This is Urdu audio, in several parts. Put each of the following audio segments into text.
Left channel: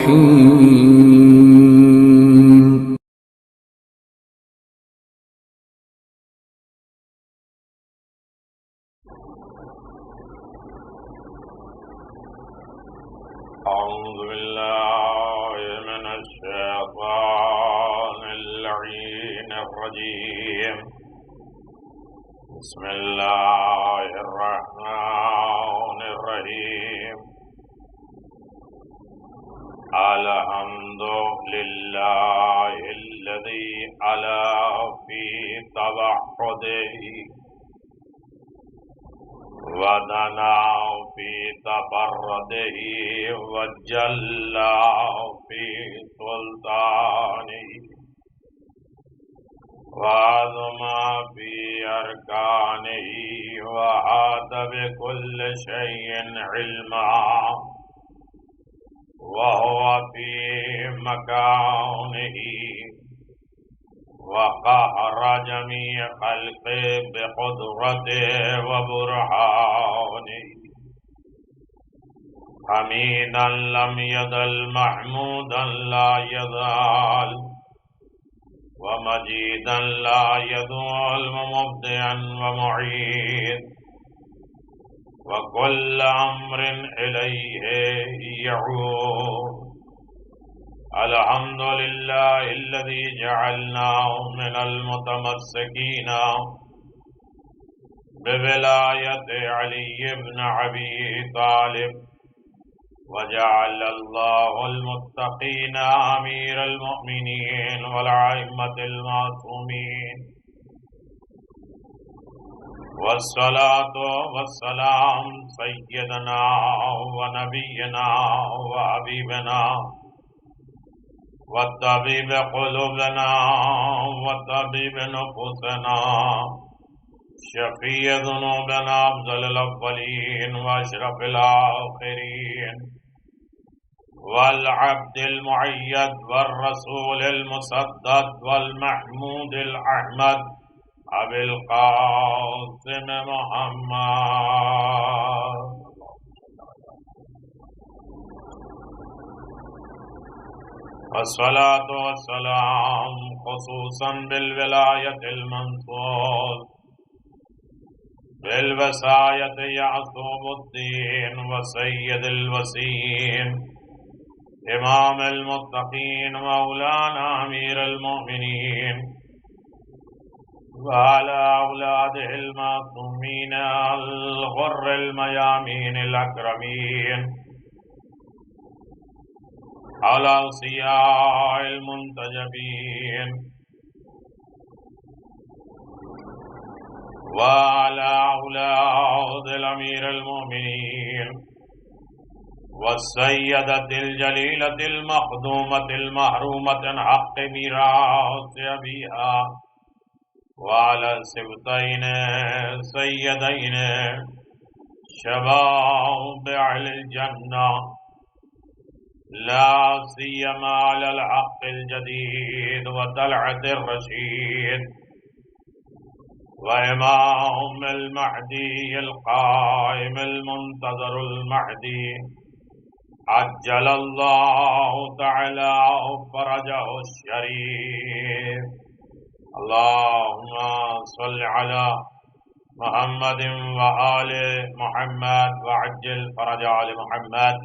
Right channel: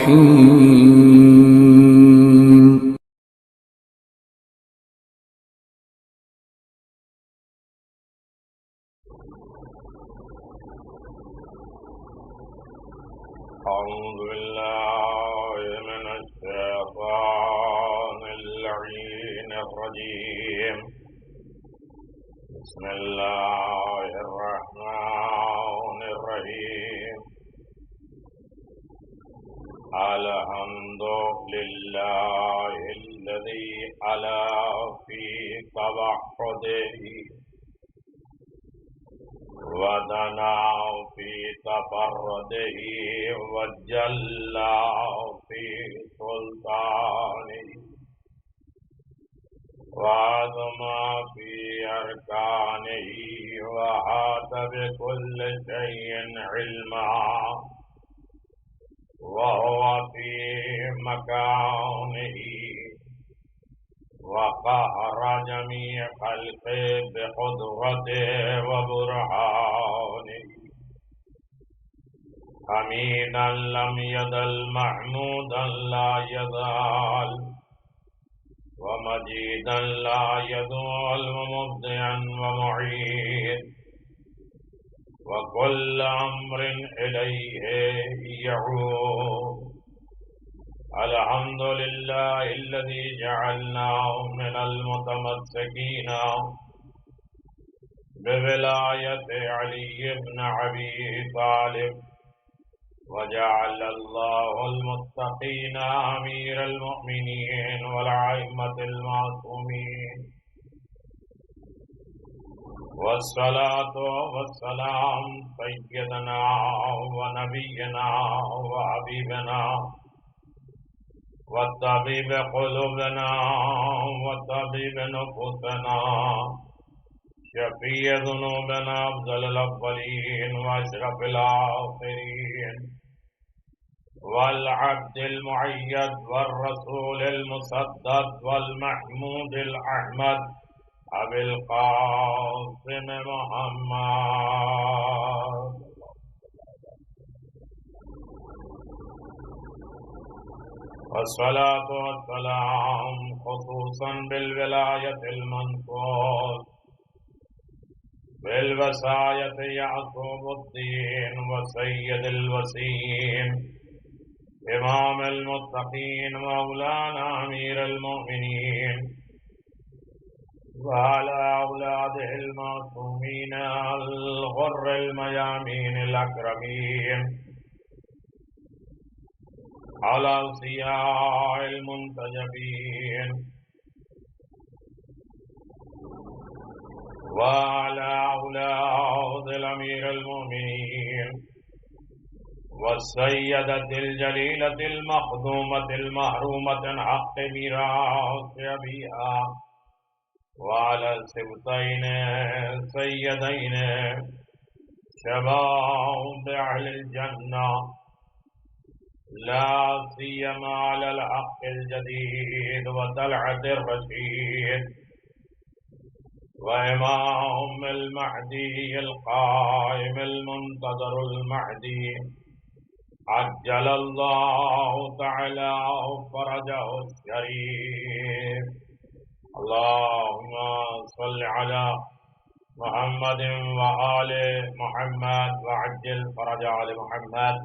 الرحيم أعوذ بالله من الشيطان اللعين الرجيم بسم الله الرحمن الرحيم الحمد لله الذي علا في توحده ودنا في تفرده وجلى في سلطانه وعظم في أركانه وأحاط بكل شيء علما وهو في مكانه وقهر جميع خلقه بقدرته وبرهانه حميدا لم يزل محمودا لا يزال ومجيدا لا يزال مبدعا ومعيد وكل أمر إليه يعود الحمد لله الذي جعلنا من المتمسكين بولاية علي بن أبي طالب وجعل الله المتقين أمير المؤمنين والأئمة المعصومين والصلاة والسلام سيدنا ونبينا وحبيبنا وطبيب قلوبنا وطبيب نفوسنا شفيع ذنوبنا أفضل الأولين وأشرف الآخرين والعبد المؤيد والرسول المسدد والمحمود الأحمد أبي القاسم محمد والصلاة والسلام خصوصا بالولاية المنصور بالوصاية يعصوب الدين وسيد الوسيم إمام المتقين مولانا أمير المؤمنين وعلى أولاده المعصومين الغر الميامين الأكرمين على أوصياء المنتجبين وعلى أولاد الأمير المؤمنين والسيدة الجليلة المخدومة المحرومة حق ميراث أبيها وعلى السبطين سيدين شباب أهل الجنة لا سيما على الحق الجديد وطلعة الرشيد وإمام المهدي القائم المنتظر المهدي عجل الله تعالى فرجه الشريف اللهم صل على محمد وآل محمد وعجل فرج آل محمد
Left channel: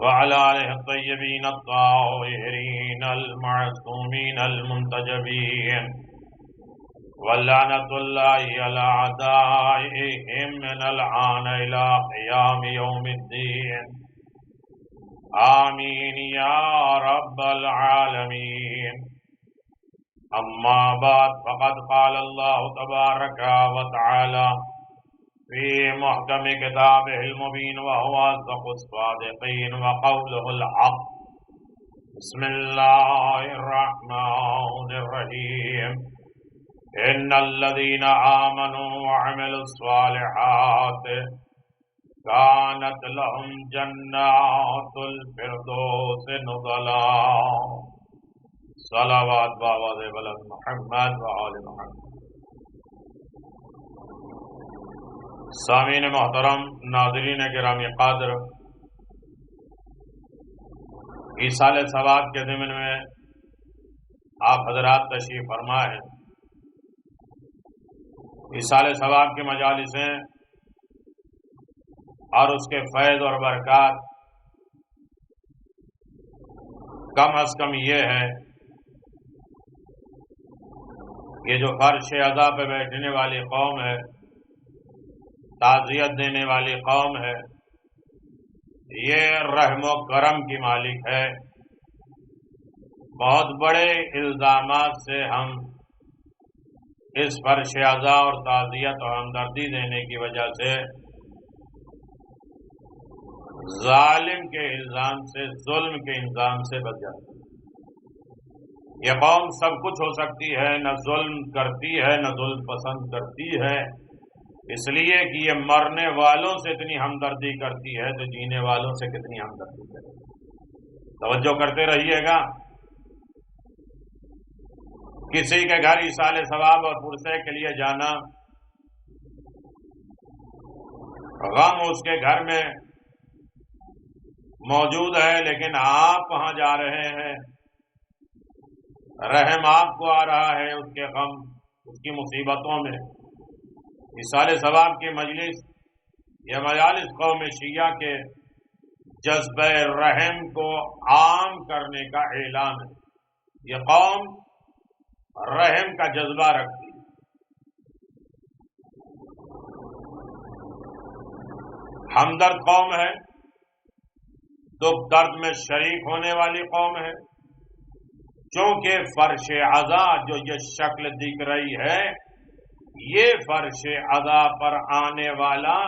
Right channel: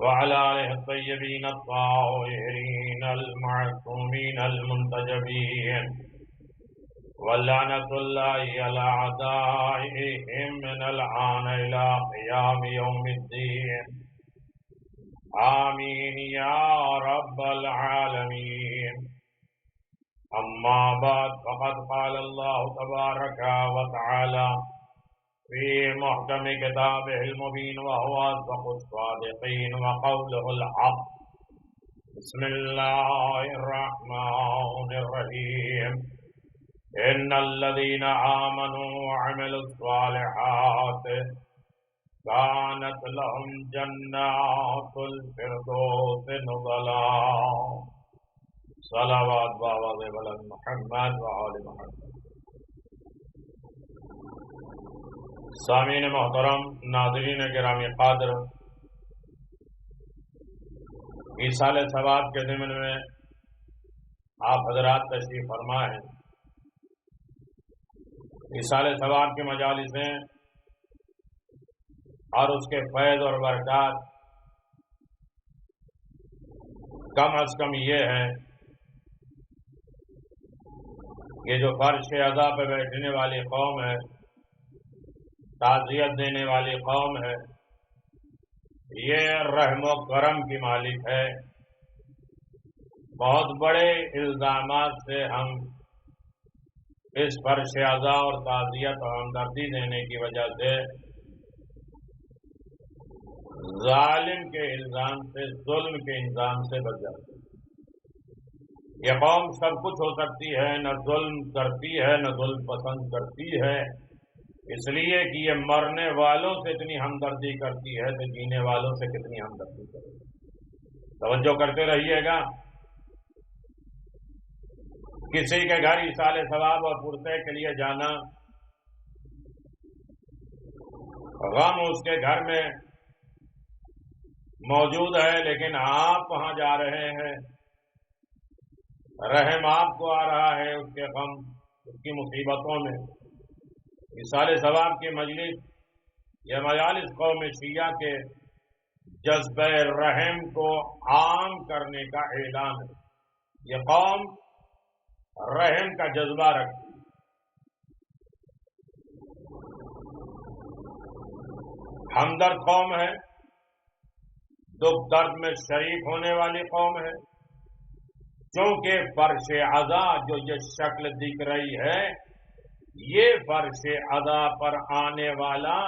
وعلى آله الطيبين الطاهرين المعصومين المنتجبين ولعنة الله على أعدائهم من الآن إلى قيام يوم الدين آمين يا رب العالمين أما بعد فقد قال الله تبارك وتعالى في محكم كتابه المبين وهو أصدق الصادقين وقوله الحق بسم الله الرحمن الرحيم إن الذين آمنوا وعملوا الصالحات كانت لهم جنات الفردوس نزلا صلوات بآواز بلند محمد و آل محمد. سامعین محترم، ناظرین گرامی قدر، ایصال ثواب کے ضمن میں آپ حضرات تشریف فرما ہیں۔ ایصال ثواب کی مجالسیں اور اس کے فیض اور برکات کم از کم یہ ہے کہ جو فرش عزا پہ بیٹھنے والی قوم ہے، تعزیت دینے والی قوم ہے، یہ رحم و کرم کی مالک ہے۔ بہت بڑے الزامات سے ہم اس فرش عزا اور تعزیت اور ہمدردی دینے کی وجہ سے ظالم کے الزام سے، ظلم کے الزام سے بچ جاتے ہیں۔ یہ قوم سب کچھ ہو سکتی ہے، نہ ظلم کرتی ہے نہ ظلم پسند کرتی ہے، اس لیے کہ یہ مرنے والوں سے اتنی ہمدردی کرتی ہے تو جینے والوں سے کتنی ہمدردی کرے گی۔ توجہ کرتے رہیے گا۔ کسی کے گھر ایصال ثواب اور پرسے کے لیے جانا، غم اس کے گھر میں موجود ہے لیکن آپ وہاں جا رہے ہیں، رحم آپ کو آ رہا ہے اس کے غم، اس کی مصیبتوں میں۔ ایصال ثواب کی مجلس، یہ مجالس قوم شیعہ کے جذبہ رحم کو عام کرنے کا اعلان ہے۔ یہ قوم رحم کا جذبہ رکھتی ہے۔ ہمدرد قوم ہے، دکھ درد میں شریک ہونے والی قوم ہے۔ چونکہ فرش عزا جو یہ شکل دکھ رہی ہے، یہ فرش عزا پر آنے والا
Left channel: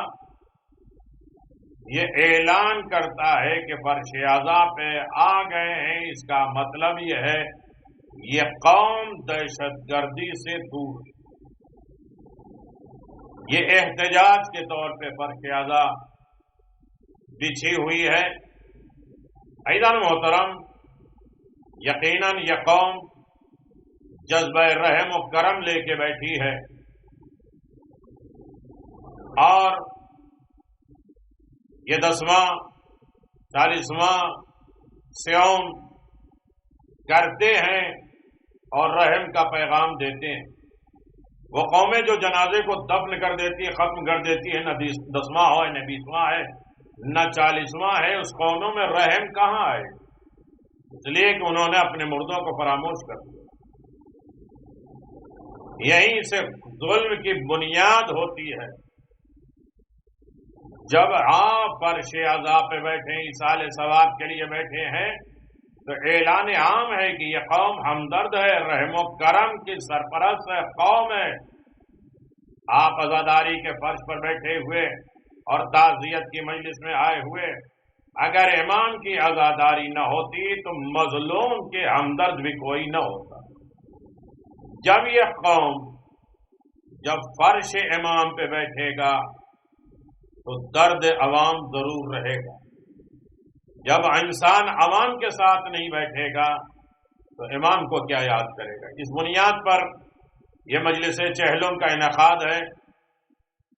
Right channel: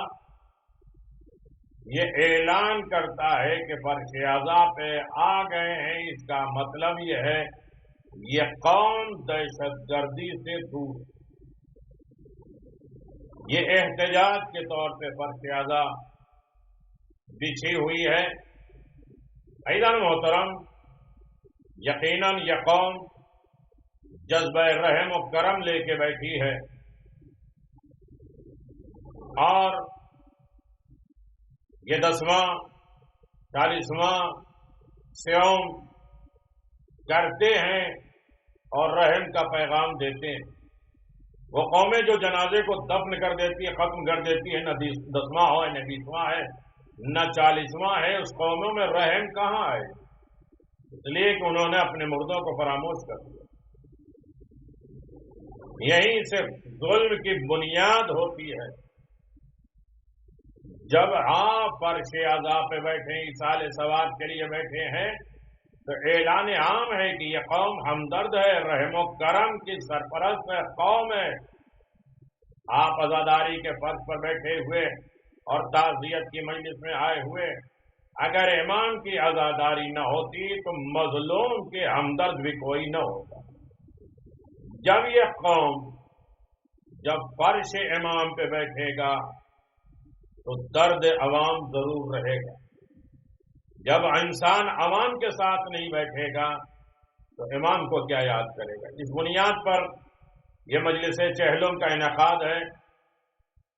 یہ اعلان کرتا ہے کہ فرش عزا پہ آ گئے ہیں۔ اس کا مطلب یہ ہے یہ قوم دہشت گردی سے دور ہے۔ یہ احتجاج کے طور پہ فرش عزا بچھی ہوئی ہے۔ عزیزان محترم، یقیناً یہ قوم جذبہ رحم و کرم لے کے بیٹھی ہے اور یہ 10واں 40واں صیام کرتے ہیں اور رحم کا پیغام دیتے ہیں۔ وہ قومیں جو جنازے کو دفن کر دیتی ہے، ختم کر دیتی ہے، نہ 10واں ہو نہ 20واں ہے نہ 40واں ہے، اس قوموں میں رحم کہاں آئے؟ اس لیے کہ انہوں نے اپنے مردوں کو فراموش کر دیا۔ یہیں سے ظلم کی بنیاد ہوتی ہے۔ جب آپ فرش عزا پہ بیٹھے، ایصال ثواب کے لیے بیٹھے ہیں، تو اعلان عام ہے کہ یہ قوم ہمدرد ہے، رحم و کرم کی سرپرست ہے، قوم ہے۔ آپ عزاداری کے فرش پر بیٹھے ہوئے اور تعزیت کی مجلس میں آئے ہوئے، اگر امام کی عزاداری نہ ہوتی تو مظلوم کے ہمدرد بھی کوئی نہ ہوتا۔ جب یہ قوم جب فرش امام پہ بیٹھے گا تو درد عوام ضرور رہے گا۔ جب انسان عوام کے ساتھ نہیں بیٹھے گا تو امام کو کیا یاد کرے گا؟ اس بنیاد پر یہ مجلس چہلم کا انعقاد ہے۔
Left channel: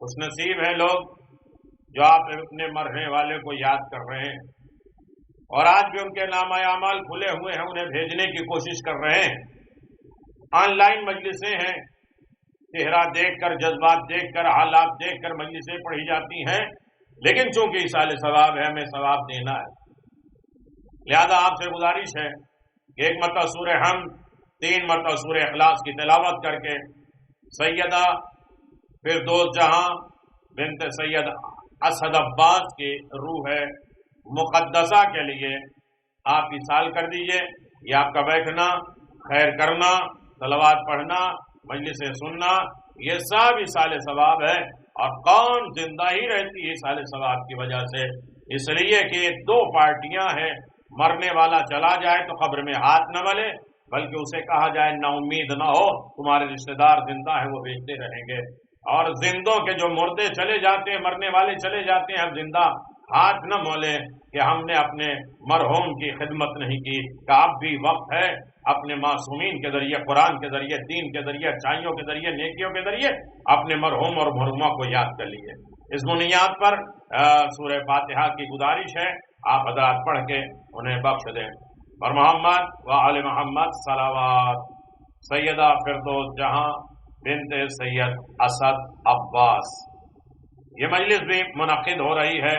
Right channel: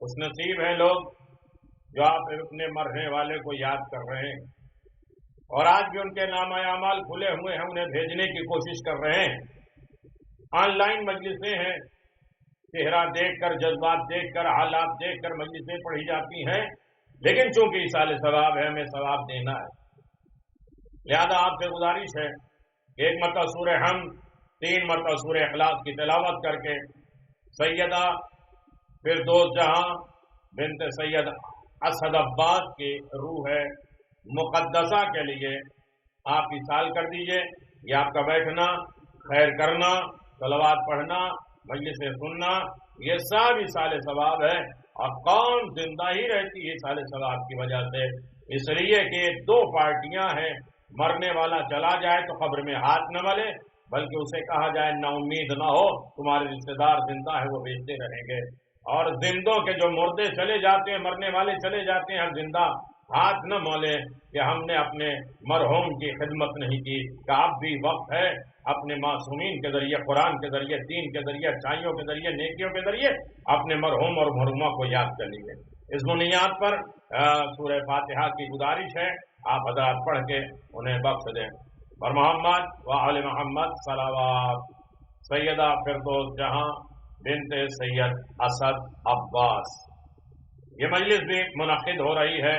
خوش نصیب ہیں لوگ جو آپ اپنے مرنے والے کو یاد کر رہے ہیں اور آج بھی ان کے نامہ اعمال کھلے ہوئے ہیں، انہیں بھیجنے کی کوشش کر رہے ہیں۔ آن لائن مجلسیں ہیں، چہرہ دیکھ کر، جذبات دیکھ کر، حالات دیکھ کر مجلسیں پڑھی جاتی ہیں، لیکن چونکہ ایصال ثواب ہے، ہمیں ثواب دینا ہے۔ لہذا آپ سے گزارش ہے کہ ایک مرتبہ سورہ حمد، 3 مرتبہ سورہ اخلاص کی تلاوت کر کے سیدہ فردوس جہاں بنت سید اسد عباس کی روح مقدسہ کے لیے آپ ایصال کر دیجئے۔ یہ آپ کا بیٹھنا، خیر کرنا، صلوات پڑھنا، مجلسیں سننا، یہ سب ایصال ثواب ہے اور قوم زندہ ہی رہتی ہے ایصال ثواب کی وجہ سے، اس لیے کہ یہ 2 پارٹیاں ہیں۔ مرنے والا چلا جائے تو قبر میں ہاتھ نہ ملے، بلکہ اسے کہا جائے نا امید نہ ہو، تمہارے رشتہ دار زندہ ہیں، وہ بھیجتے رہیں گے۔ اور زندوں کے جو مردے چلے جاتے ہیں، مرنے والے چلے جاتے ہیں، ہم زندہ ہاتھ نہ مولیں کہ ہم نے اپنے مرحوم کی خدمت نہیں کی، کہ اب بھی وقت ہے اپنے معصومین کے ذریعے، قرآن کے ذریعے، دین کے ذریعے، اچھائیوں کے ذریعے، نیکیوں کے ذریعے اپنے مرحوم اور مرحومہ کو یاد کر لیجیے۔ اس بنیاد پر سورہ فاتحہ کی گزارش ہے آپ حضرات پڑھ کے انہیں بخش دیں۔ اور محمد و آل محمد صلوات۔ سیدہ فردوس جہاں بنت سید اسد عباس، یہ مجلس بھی منعقد ہو رہی ہے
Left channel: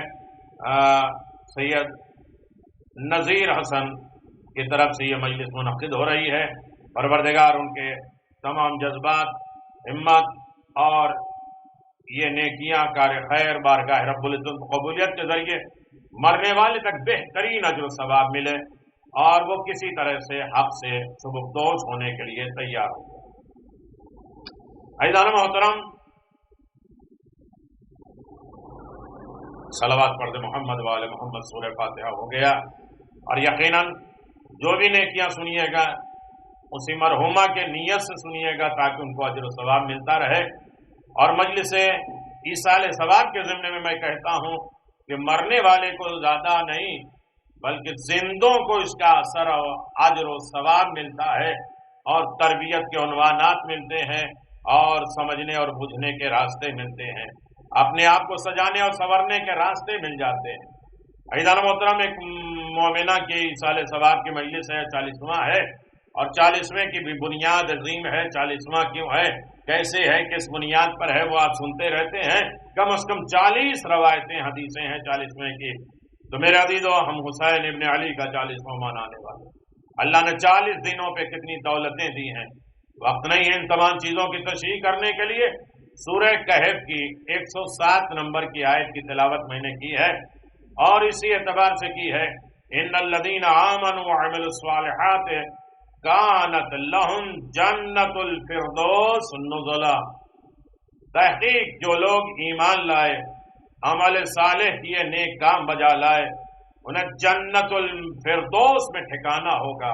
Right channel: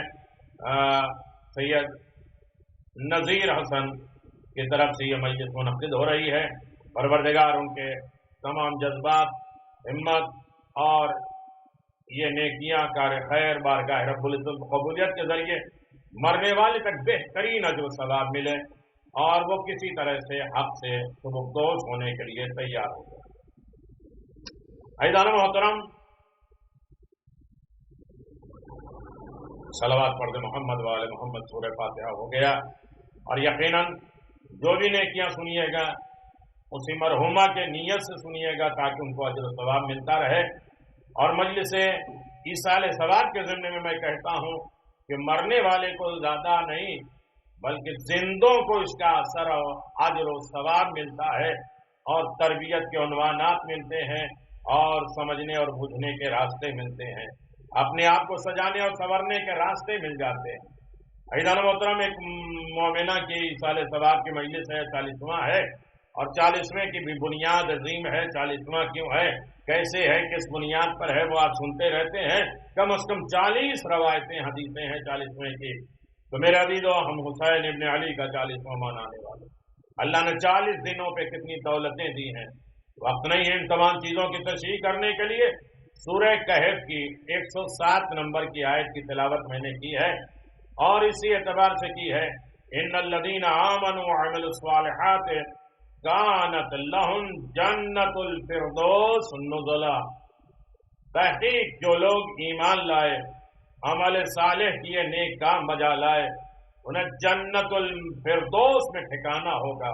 سید نذیر حسن کی طرف سے، یہ مجلس منعقد ہو رہی ہے۔ پروردگار ان کے تمام جذبات، ہمت اور یہ نیکیاں کار خیر بارگاہ رب العزت قبولیت کے ذریعے مرنے والے تک بہترین اجر و ثواب ملے، اور وہ کسی طرح سے حق سے سبکدوش ہونے کے لیے تیار ہو گیا۔ عزیزان محترم، صلوات پڑھ دے محمد وآل محمد، سورہ فاتحہ ہو گیا، اور یقیناً جو بھی نیکیاں سنیے گا اسی مرحومہ کے نیت سے سنیے گا تاکہ ان کو اجر و ثواب ملتا رہے۔ اور مجلس ایصال ثواب کے ضمن میں میں کہتا ہوں کہ مرنے والے کو زیادہ نہیں بلکہ زندوں کو اس کا اثر و اجر و ثواب ملتا ہے، اور تربیت کے عنوانات ملتے ہیں، اور سمجھنے اور بجھنے کے راستے ملتے ہیں، اپنے آپ کو سجانے اور سنورنے کے راستے مل جاتے ہیں۔ عزیزان محترم، ایک مومنہ کی ایصال ثواب کی مجلس ہے، 40واں ہے، اور 40ویں کی بھی بنیاد عظیم ہے۔ 40واں کیوں ہے، کیسے ہے، کس بنیاد پر ہے، وہ آپ سنتے رہتے ہیں۔ کم از کم 40 روایتیں حدیثیں ہیں 40ویں کی۔ تو میرے عزیزو، ہم حسین ابن علی کا 40واں منانے والے۔ اللہ نے 40 دنوں پہ کتنی دولتیں دی ہیں، وقت نہیں ہے ان تمام چیزوں کی تشریح کرنے کے لیے۔ سورہ کہف کی 107 نمبر کی آیت کی تلاوت میں نے کی ہے، اور اسی اعتبار سے کی ہے، ان الذین آمنوا وعملوا الصالحات کانت لہم جنت الفردوس نزلا۔ تحقیق جو لوگ ایمان لائے، عمل صالح کیے، نیک کام بجا لائے، انہیں جنت الفردوس میں ٹھکانہ ہوگا۔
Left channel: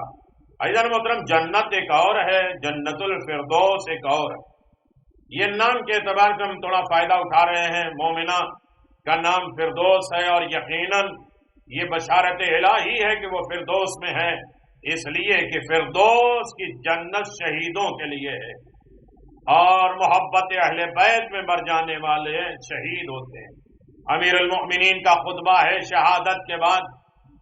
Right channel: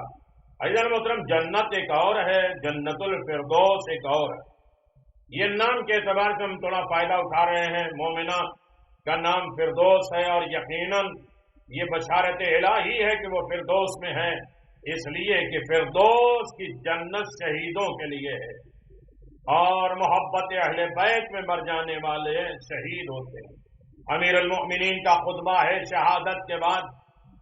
عزیزان محترم، جنت ایک اور ہے، جنت الفردوس ایک اور ہے۔ یہ نام کے اعتبار سے ہم تھوڑا فائدہ اٹھا رہے ہیں۔ مومنہ کا نام فردوس ہے، اور یقیناً یہ بشارت الہی ہے کہ وہ فردوس میں ہے، اس لیے کہ فردوس کی جنت شہیدوں کے لیے ہے، اور محبت اہل بیت میں مر جانے والے شہید ہوتے ہیں۔ امیر المؤمنین کا خطبہ ہے، شہادت کے بعد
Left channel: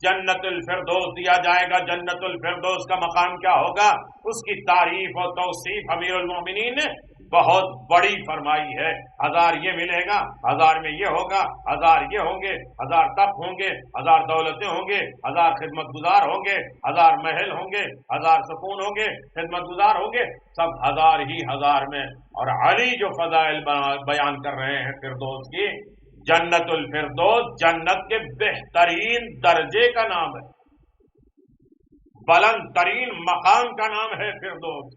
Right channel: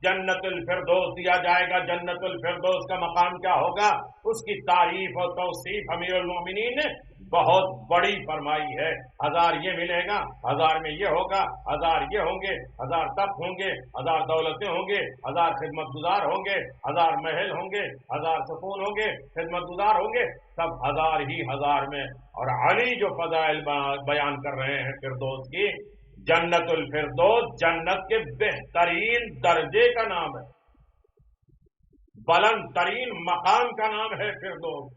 جنت الفردوس دیا جائے گا۔ جنت الفردوس کا مقام کیا ہوگا، اس کی تعریف اور توصیف امیر المؤمنین نے بہت بڑی فرمائی ہے۔ 1000 یہ ملے گا، 1000 میں یہ ہوگا، 1000 یہ ہوں گے، 1000 تخت ہوں گے، 1000 دولتیں ہوں گے، 1000 خدمت گزار ہوں گے، 1000 محل ہوں گے، 1000 سکون ہوں گے، خدمت گزار ہوں گے، سب 1000 ہی 1000 میں۔ اور علی جو فضائل بیان کر رہے ہیں فردوس کی، جنت الفردوس جنت کے بہترین درجے کا نام ہے، بلند ترین مقام کا نام ہے فردوس۔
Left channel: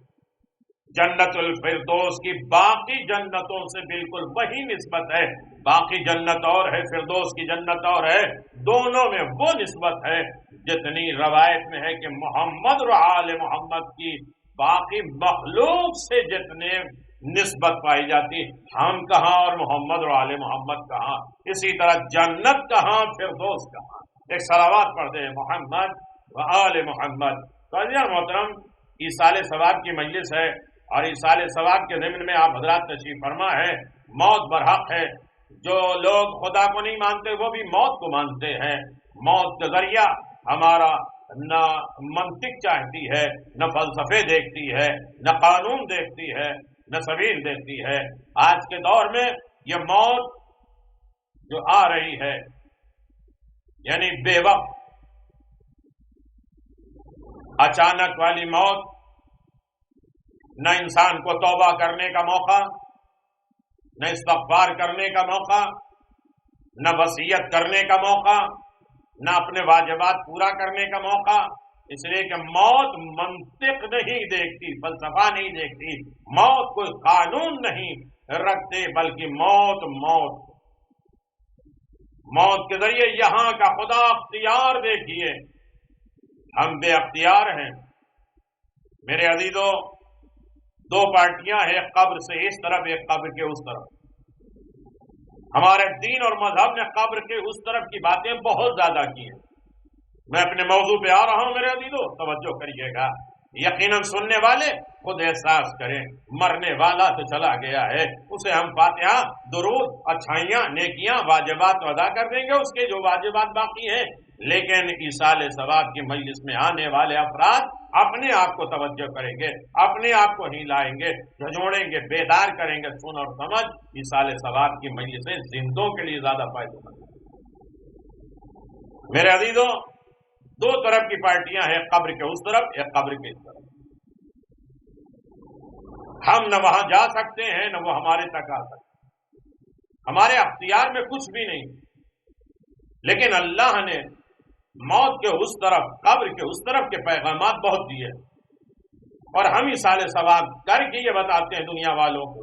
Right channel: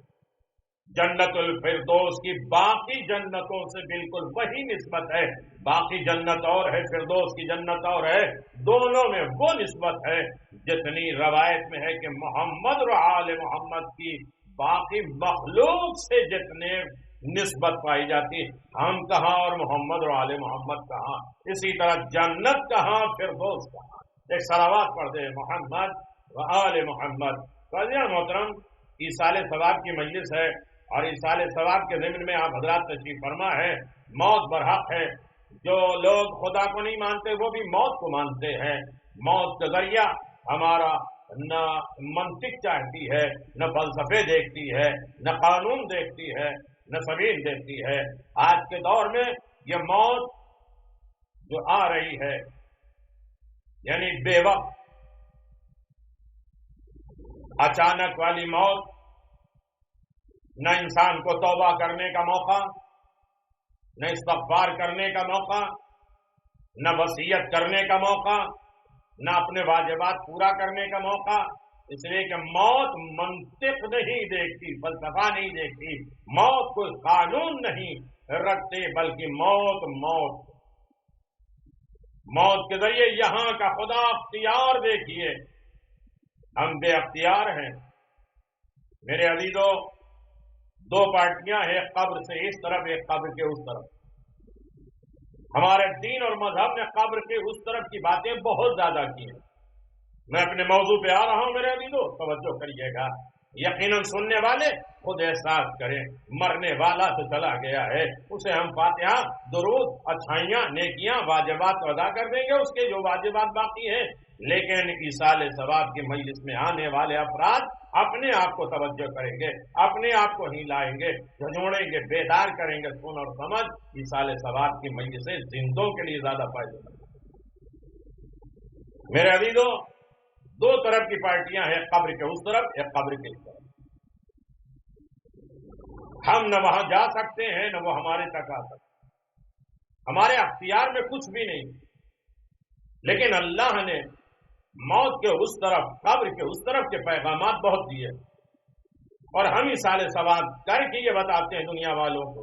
جنت الفردوس کی باقی جنتوں سے بالکل وہی نسبت ہے، باقی جنت اور ہے، فردوس کی جنت اور ہے، دونوں میں وہ نسبت ہے جتنی روایت میں ہے کہ محمد اور آل محمد کی باقی مخلوق سے جتنے نسبت پائی جاتی، ہم کہاں اور محمد اور آل محمد کہاں، اسی طرح جنت کہاں، فردوس کہاں۔ ایک صلوات پڑھ دے محمد و آل محمد۔ تو عزیزان محترم، ایصال ثواب کی مجلس ہے، اور ایصال ثواب کے ضمن میں آپ حضرات تشریف فرما ہے۔ موت برحق ہے، جو لوگ خدا کو نہیں مانتے وہ بھی موت کو مانتے ہیں۔ موت کا ذریعہ ہمارا نہ منطق چاہتی ہے، نہ فلسفے دیکھتی ہے، نہ قانون دیکھتی ہے، نہ سبیل دیکھتی ہے۔ آج کے دور میں یہ موت جو آ رہی ہے، یعنی بے وقت اچانک والی موت، نہ انسان کو توبہ کرنے کا موقع، نہ استغفار کرنے کا موقع، نہ وصیت کرنے کا موقع، نہ اپنے واجبات پورا کرنے کا موقع، اس لیے کہ موت منطق نہیں دیکھتی، فلسفہ نہیں دیکھتی، موت کوئی قانون نہیں رکھتے، بلکہ موت موت کے ذریعے یہاں کا خدا اختیار دیکھیے، ہم بے اختیار ہیں۔ میرے عزیزو، 2 پارٹیاں ہیں، ایک قبر سے اس طرف، ایک قبر کے اس طرف۔ ہمارے دین اور مذہب نے قبر کے اس طرف کی باتیں بہت زیادہ کی ہیں۔ میں اپنے موضوع پہ آ رہا ہوں میرے عزیزو، توجہ کریے گا، یقیناً سننے والے خود احساس کریں، مرنے والا تو چلا گیا ہے، اسے ہم فاتحہ، درود، اچھائیاں، نیکیاں، واجبات ادا کر دیں گے، اس کے جو واجبات باقی ہیں لیکن ایصال ثواب کی مجلس میں آنے والے افراد اپنے آپ کو توجہ کریں گے، اپنے آپ کو ہلائیں گے، جھنجھوڑیں گے، بیدار کریں گے، سن اور سمجھ ایصال ثواب کی مجلسیں زندوں کے لیے زیادہ فائدہ مند ہیں۔ میرے عزیزوں، دو طرف کی پارٹیاں ہیں، قبر کے اس طرف، ایک قبر کے اس طرف۔ ہم نہ وہاں جا سکتے ہیں نہ وہ ہمارے تک آ سکتے ہیں، ہمارے اختیار میں کچھ بھی نہیں، لیکن اللہ نے موت کے اس طرف، قبر کے اس طرف کے پیغامات بہت دیے، اور ہم ایصال ثواب کر کے یہ بتاتے ہیں دنیا والوں کو،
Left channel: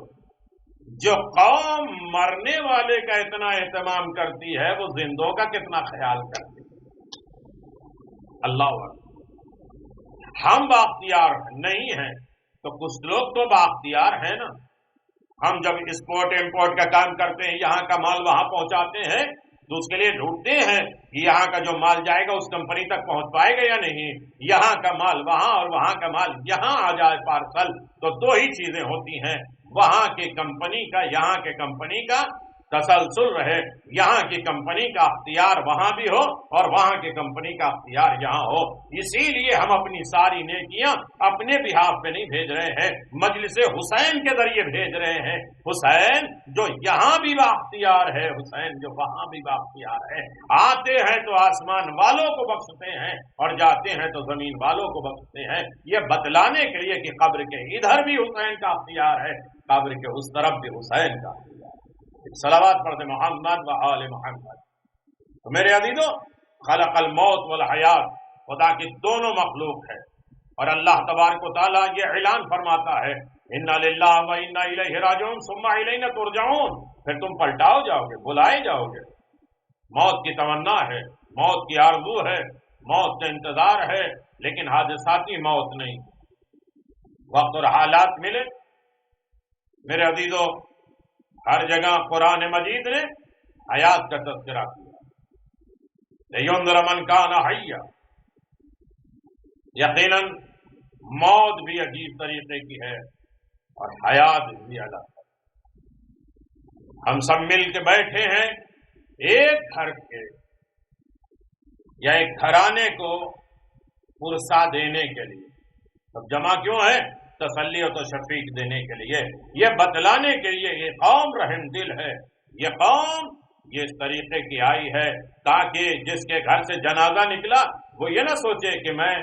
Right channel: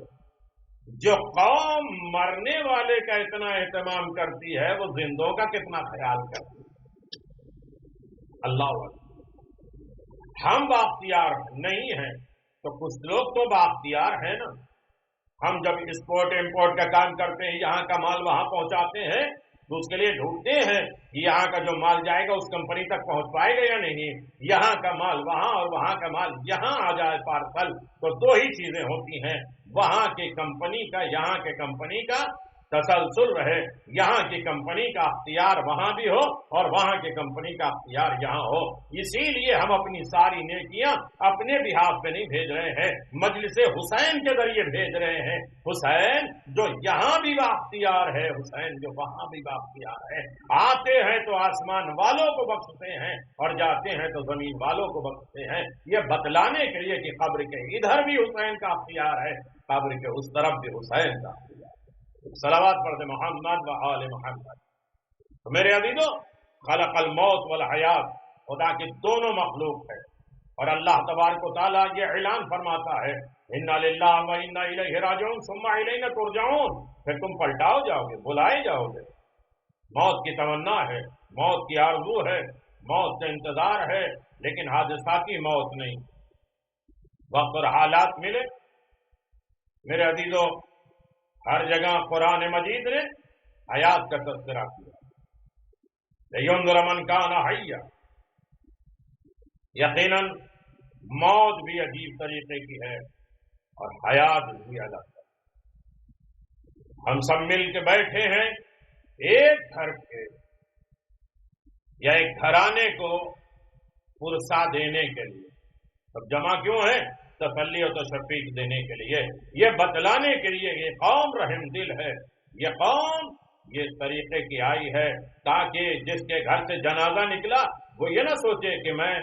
جو قوم مرنے والے کا اتنا اہتمام کرتی ہے وہ زندوں کا کتنا خیال کرتی ہے۔ اللہ اکبر۔ ہم بااختیار نہیں ہیں تو کچھ لوگ تو بااختیار ہیں نا۔ ہم جب ایکسپورٹ امپورٹ کا کام کرتے ہیں، یہاں کا مال وہاں پہنچاتے ہیں تو اس کے لیے ڈھونڈتے ہیں کہ یہاں کا جو مال جائے گا اس کمپنی تک پہنچ پائے گا یا نہیں، یہاں کا مال وہاں اور وہاں کا مال یہاں آ جائے پارسل، تو دو ہی چیزیں ہوتی ہیں، وہاں کی کمپنی کا، یہاں کے کمپنی کا تسلسل رہے، یہاں کی کمپنی کا اختیار وہاں بھی ہو اور وہاں کی کمپنی کا اختیار یہاں ہو۔ اسی لیے ہم اپنی ساری نیکیاں اپنے بہاف پہ نہیں بھیج رہے ہیں، مجلس حسین کے ذریعے بھیج رہے ہیں۔ حسین جو یہاں بھی بااختیار ہے، حسین جو وہاں بھی بااختیار ہے، آتے ہیں تو آسمان والوں کو بخشتے ہیں اور جاتے ہیں تو زمین والوں کو بخشتے ہیں، یہ بتلانے کے لیے کہ قبر کے ادھر بھی حسین کا اختیار ہے، قبر کے اس طرف بھی حسین کا اختیار ہے۔ صلوات پڑھتے محمد و آل محمد۔ تو میرے عزیزو، خلق الموت والحیات، خدا کی دونوں مخلوق ہے، اور اللہ تبارک و تعالیٰ یہ اعلان فرماتا ہے انا للہ و انا الیہ راجعون ثم الینا ترجعون، پھر تم پلٹاؤ جاؤ گے، بلائے جاؤ گے۔ موت کی تمنا ہے، موت کی آرزو ہے، موت کا انتظار ہے، لیکن حادثاتی موت نہیں۔ وقت اور حالات ملے، میرے عزیزو، ہر جگہ قرآن مجید نے حیات کا تذکرہ کیا، لِيُنذِرَ مَنْ كَانَ حَيًّا۔ یقیناً موت بھی عجیب طریقے کی ہے اور حیات بھی الگ ہے۔ ہم سب مل کے بیٹھے ہیں ایک گھر کے یا ایک گھرانے کو پرسا دینے کے لیے، سب جمع کیوں ہیں؟ تسلی و تشفیق دینے کے لیے، یہ بتلانے کے لیے یہ قوم رحم دل ہے، یہ قوم یہ اس طریقے کی آئی ہے تاکہ جس کے گھر سے جنازہ نکلا وہ یہ نہ سوچے کہ میں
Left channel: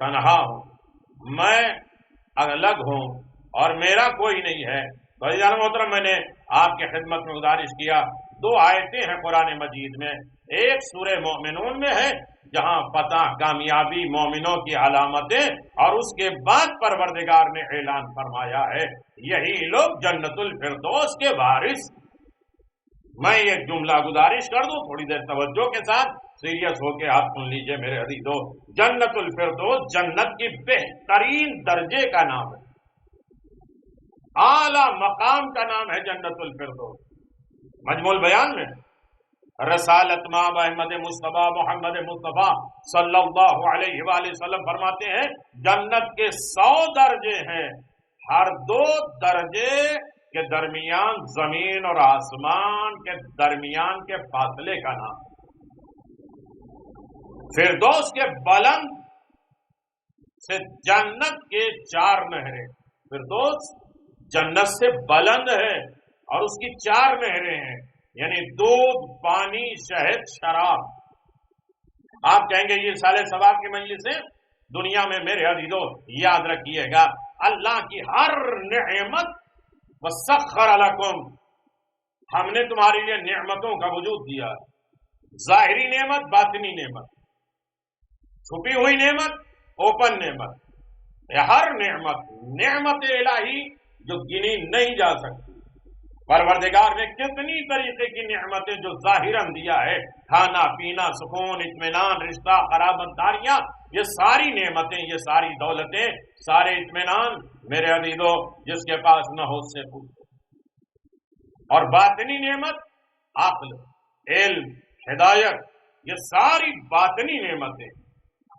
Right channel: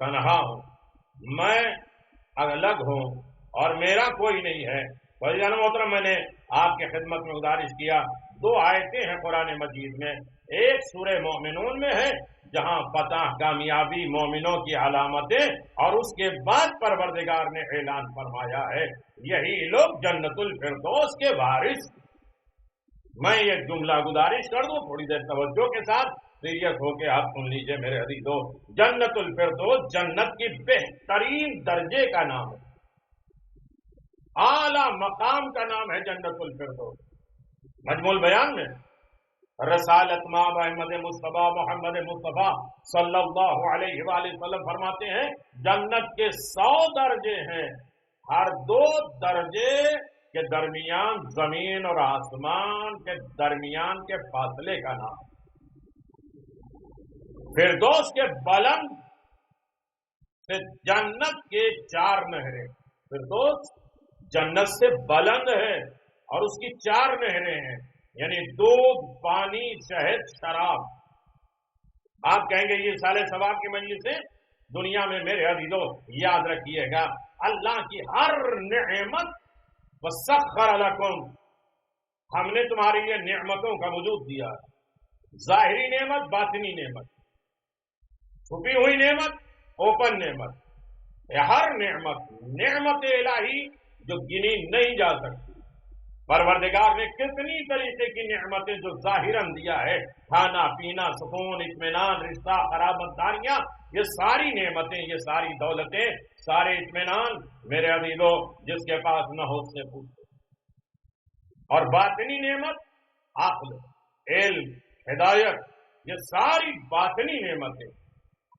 تنہا ہوں، میں الگ ہوں اور میرا کوئی نہیں ہے۔ بھائیان محترم، میں نے آپ کے خدمت میں گزارش کیا، دو آیتیں ہیں قرآن مجید میں، ایک سورہ مومنون میں ہے جہاں فتح، کامیابی، مومنوں کی علامتیں، اور اس کے بعد پروردگار نے اعلان فرمایا ہے یہی لوگ جنت الفردوس کے وارث۔ میں یہ جملہ گزارش کر دوں، تھوڑی دیر توجہ کے ساتھ سیریس ہو کے آپ سن لیجئے میرے عزیزو، جنت الفردوس جنت کی بہترین درجے کا نام ہے، اعلیٰ مقام کا نام ہے جنت الفردوس۔ مجموع البیان میں رسالت مآب احمد مصطفیٰ محمد مصطفیٰ صلی اللہ علیہ وآلہ وسلم فرماتے ہیں جنت کے 100 درجے ہیں، ہر 2 درجے کے درمیان زمین اور آسمان کے درمیان کے فاصلے کا نام۔ فردوس کے بلند سے جنت کے 4 نہریں، فردوس جنت سے بلند ہے اور اس کی 4 نہریں ہیں، یعنی دودھ، پانی، شہد، شراب۔ آپ کہیں گے یہ سال ثواب کی مجلسیں دنیا میں، میرے عزیزو یاد رکھیے گا اللہ کی ہر نعمت وَسَخَّرَ لَكُمْ، ہم نے تمہارے لیے نعمتوں کا وجود دیا، ظاہری نعمت، باطنی نعمت، چھپی ہوئی نعمت، اوپن نعمت، ہر نعمت، نعمت الہی جو گنی نہیں جا سکتی۔ پروردگار نے کتنی طریقے کی نعمتیں جو ظاہراً دیا ہے، کھانا پینا، سکون، اطمینان، رشتہ، قرابت داریاں، یہ ساری نعمتیں، یہ ساری دولتیں، سارے اطمینان، میرے عزیزو جس کے پاس نہ ہو اس سے پوچھو۔ اور باطنی نعمت، عقل، علم، ہدایت، یہ ساری باطنی نعمتیں،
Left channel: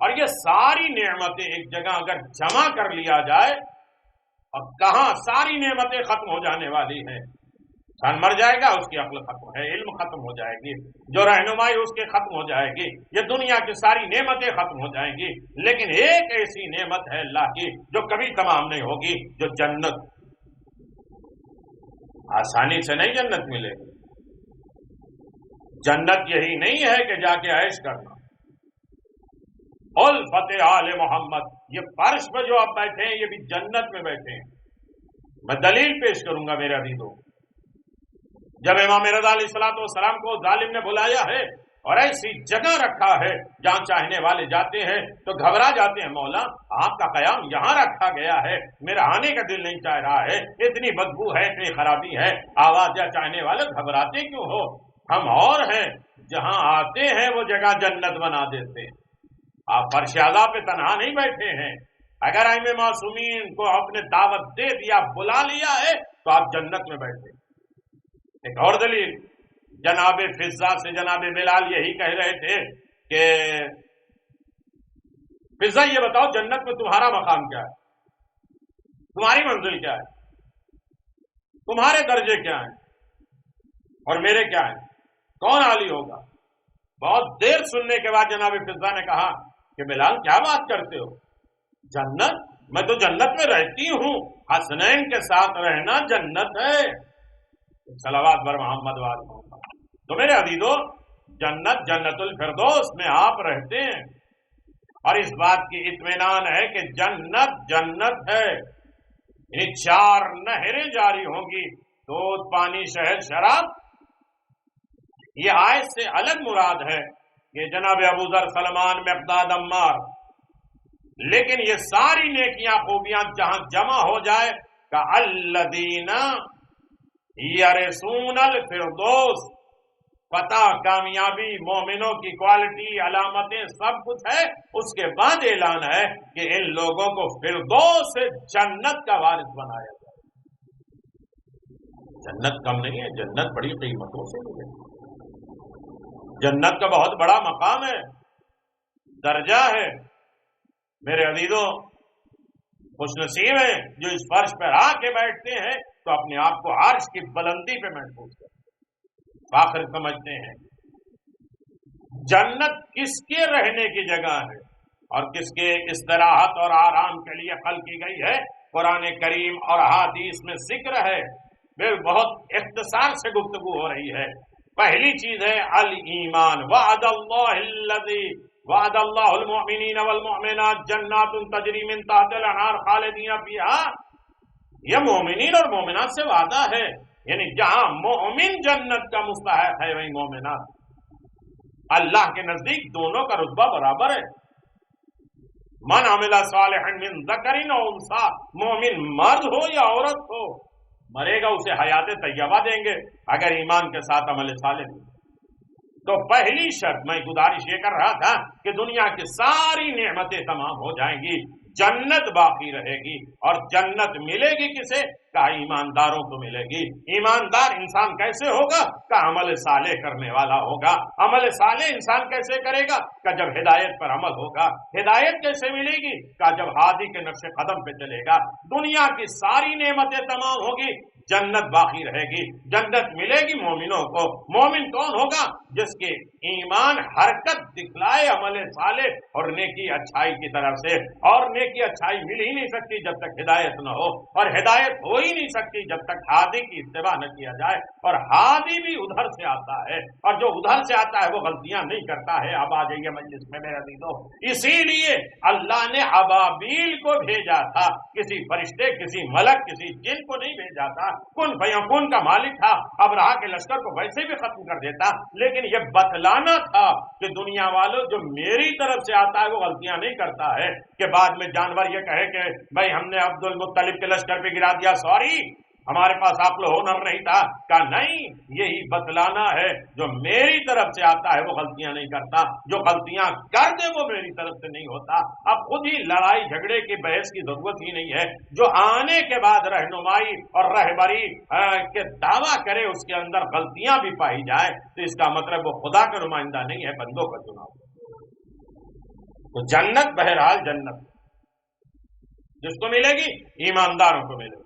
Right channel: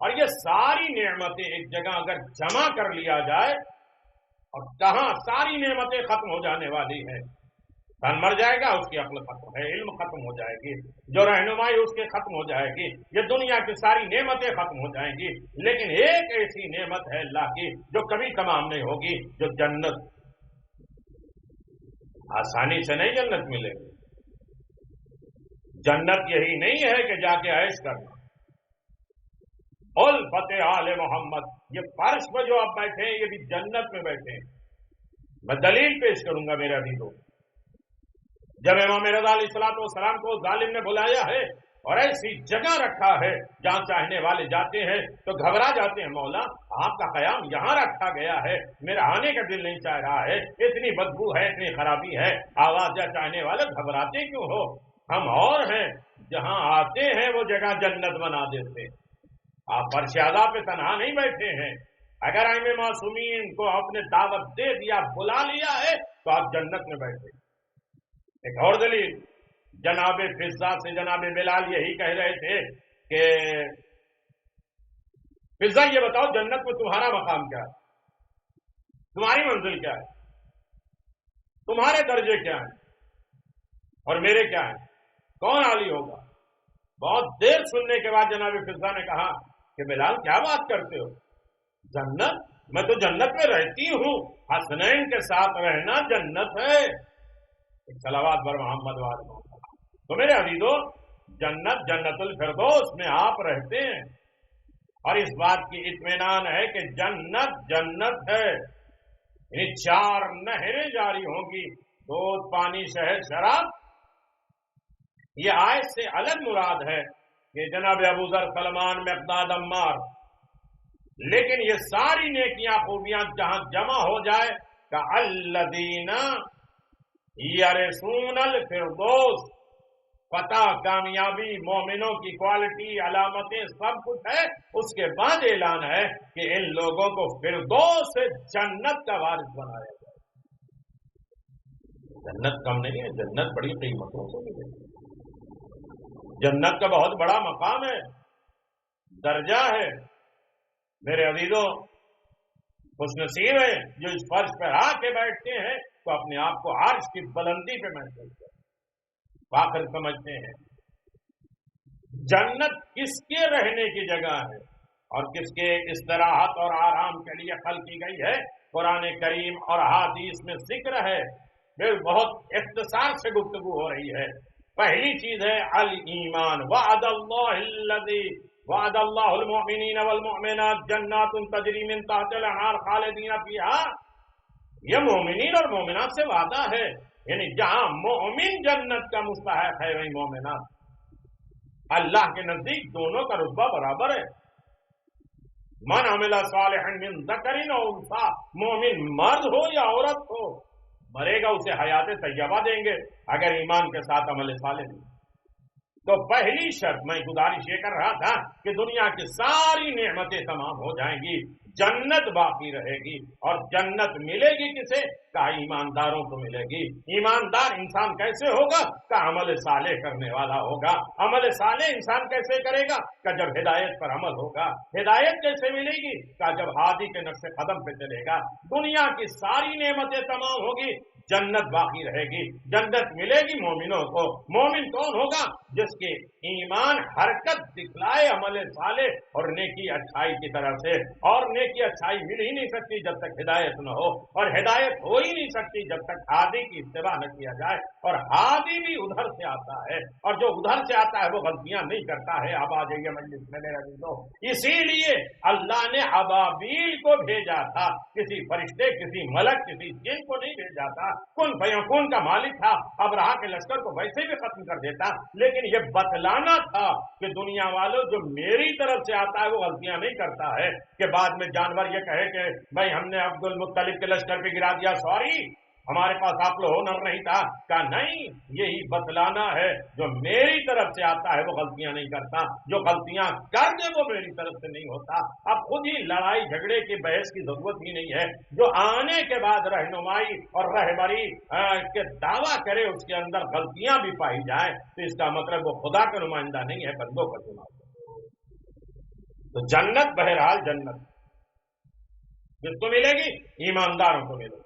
اور یہ ساری نعمتیں ایک جگہ اگر جمع کر لیا جائے، اور کہاں ساری نعمتیں ختم ہو جانے والی ہیں، انسان مر جائے گا، اس کی عقل ختم ہے، علم ختم ہو جائے گی، جو رہنمائی اس کی ختم ہو جائے گی، یہ دنیا کی ساری نعمتیں ختم ہو جائیں گی، لیکن ایک ایسی نعمت ہے اللہ کی جو کبھی تمام نہیں ہوگی، جو جنت۔ آسانی سے نہیں جنت ملے گی، جنت یہی نہیں ہے کہ جا کے عیش کرنا۔ الفت آل محمد، یہ فرش پہ جو آپ بیٹھے ہیں یہ بھی جنت میں بیٹھے ہیں۔ میں دلیل پیش کروں گا میرے عزیزوں۔ جب امام رضا علیہ الصلوۃ والسلام کو ظالم نے بلایا ہے اور ایسی جگہ رکھا ہے جہاں چاہنے والے جاتے ہیں تو گھبرا جاتے ہیں، مولا آپ کا قیام یہاں رکھا گیا ہے، میرا آنے کا دل نہیں چاہ رہا ہے، اتنی بدبو ہے، اتنی خرابی ہے، آواز یا چاہنے والے گھبراتے کیوں ہو؟ ہم اور ہیں، جہاں آتے ہیں وہ جگہ جنت بنا دیتے ہیں۔ آپ فرش عذاب پہ تنہا نہیں بیٹھے ہیں، اگر ائمہ معصومین کو اپنے دعوت دے دیا، بلا لیا ہے تو آپ جنت میں بیٹھے۔ ایک اور دلیل، جناب فضہ سے جناب بلال یہی کہہ رہے تھے کہ فضہ یہ بتاؤ جنت میں تمہارا مقام کیا ہے، تمہاری منزل کیا ہے، تمہارے درجے کیا ہیں اور میرے کیا ہیں، کون عالی ہوگا؟ بہت دیر سننے کے بعد جناب فضہ نے کہا کہ بلال کیا بات کرتے ہو، جنت؟ میں تو جنت میں رہتی ہوں، حسنین کے ساتھ رہنا جنت ہے۔ صلوات بر محمد وآل محمد۔ تو میرے عزیزو، جنت جنت الفردوس میں آپ رہتے ہیں، اور اس بات کی اطمینان ہے کہ جنت جنت ہے، یعنی 4 نہریں جاری ہوں گی، دودھ، پانی، شہد، شراب۔ یہ آیت سے الگ مراد ہے کہ جناب ابو ذر، سلمان، مقداد، عمار، لیکن یہ ساری نیکیاں، خوبیاں جہاں جمع ہو جائے کہ الذین یرثون الفردوس، فتح، کامیابی، مومنوں کی کوالٹی، علامتیں، سب کچھ ہے، اس کے بعد اعلان ہے کہ ان لوگوں کو فردوس سے جنت کا وارث بنایا جائے۔ جنت کم نہیں ہے، جنت بڑی قیمتوں سے ملے، جنت کا بہت بڑا مقام ہے، درجہ ہے۔ میرے عزیزوں، خوش نصیب ہیں جو اس فرش پر آ کے بیٹھتے ہیں تو اپنے آپ کو عرش کی بلندی پہ محسوس کرتے ہیں، فخر سمجھتے ہیں۔ جنت کس کے رہنے کی جگہ ہے اور کس کے استراحت اور آرام کے لیے خلق کی گئی ہے، قرآن کریم اور احادیث میں ذکر ہے، پھر بہت اختصار سے گفتگو ہو رہی ہے۔ پہلی چیز ہے الایمان، وعد اللہ الذی وعد اللہ المؤمنین والمؤمنات جنات تجری من تحت الانہار خالدین فیہا۔ یہ مومنین اور مومنات سے وعدہ ہے، یعنی جہاں مومن جنت کا مستحق ہے وہیں مومنات۔ اللہ کے نزدیک دونوں کا رتبہ برابر ہے۔ من عمل صالحا من ذکر او انثی، مومن مرد ہو یا عورت ہو، مرے گا اسے حیات طیبہ دیں گے اگر ایمان کے ساتھ عمل صالح دیں۔ تو پہلی شرط میں گزارش یہ کر رہا تھا کہ دنیا کی ساری نعمتیں تمام ہو جائیں گی، جنت باقی رہے گی، اور جنت ملے گی کسے؟ کہ ایمانداروں کو ملے گی۔ ایماندار انسان کیسے ہوگا؟ کہ عمل صالح کرنے والا ہوگا۔ عمل صالح انسان کیسے کرے گا؟ کہ جب ہدایت پر عمل ہوگا۔ ہدایت کیسے ملے گی؟ کہ جب ہادی کے نقش قدم پہ چلے گا۔ دنیا کی ساری نعمتیں تمام ہوگی، جنت باقی رہے گی، جنت ملے گی مومنوں کو۔ مومن کون ہوگا؟ جس کے ایمان حرکت دکھلائے عمل صالح اور نیکی اچھائی کی طرف سے، اور نیکی اچھائی مل ہی نہیں سکتی جب تک ہدایت نہ ہو، اور ہدایت ہو ہی نہیں سکتی جب تک ہادی کی اتباع نہ کیا جائے، اور ہادی بھی ادھر سے آتا ہے، اور جو ادھر سے آتا ہے وہ غلطیاں نہیں کرتا ہے۔ اب آ جائیے مجلس میں میرے عزیزو، اسی لیے اللہ نے ابابیل کو بھیجا تھا، کسی فرشتے، کسی ملک، کسی جن کو نہیں بھیجا تھا۔ کن فیکون کا مالک تھا، ابرہہ کے لشکر کو ویسے بھی ختم کر دیتا، لیکن یہ بتلانا تھا کہ دنیا والوں جو میری طرف سے آتا ہے وہ غلطیاں نہیں کرتا ہے، کہ بعد میں جانور یہ کہے کہ بھائی ہم نے عبد المطلب کے لشکر پہ گرا دیا، سوری ہمارے پاس عقل و ہنر نہیں تھا۔ کہا نہیں، یہی بتلانا ہے جو میری طرف سے آتا ہے وہ غلطیاں نہیں کرتا، جو غلطیاں کر دے وہ میری طرف سے نہیں ہوتا۔ اب خود ہی لڑائی جھگڑے کی بحث کی ضرورت ہی نہیں ہے، جو آنے کے بعد رہنمائی اور رہبری کے دعویٰ کرے اس کے اندر غلطیاں بھی پائی جائے تو اس کا مطلب وہ خدا کا نمائندہ نہیں ہے، بندوں کا چناؤ۔ تو جنت بہرحال جنت جس کو ملے گی ایمانداروں کو ملے گی۔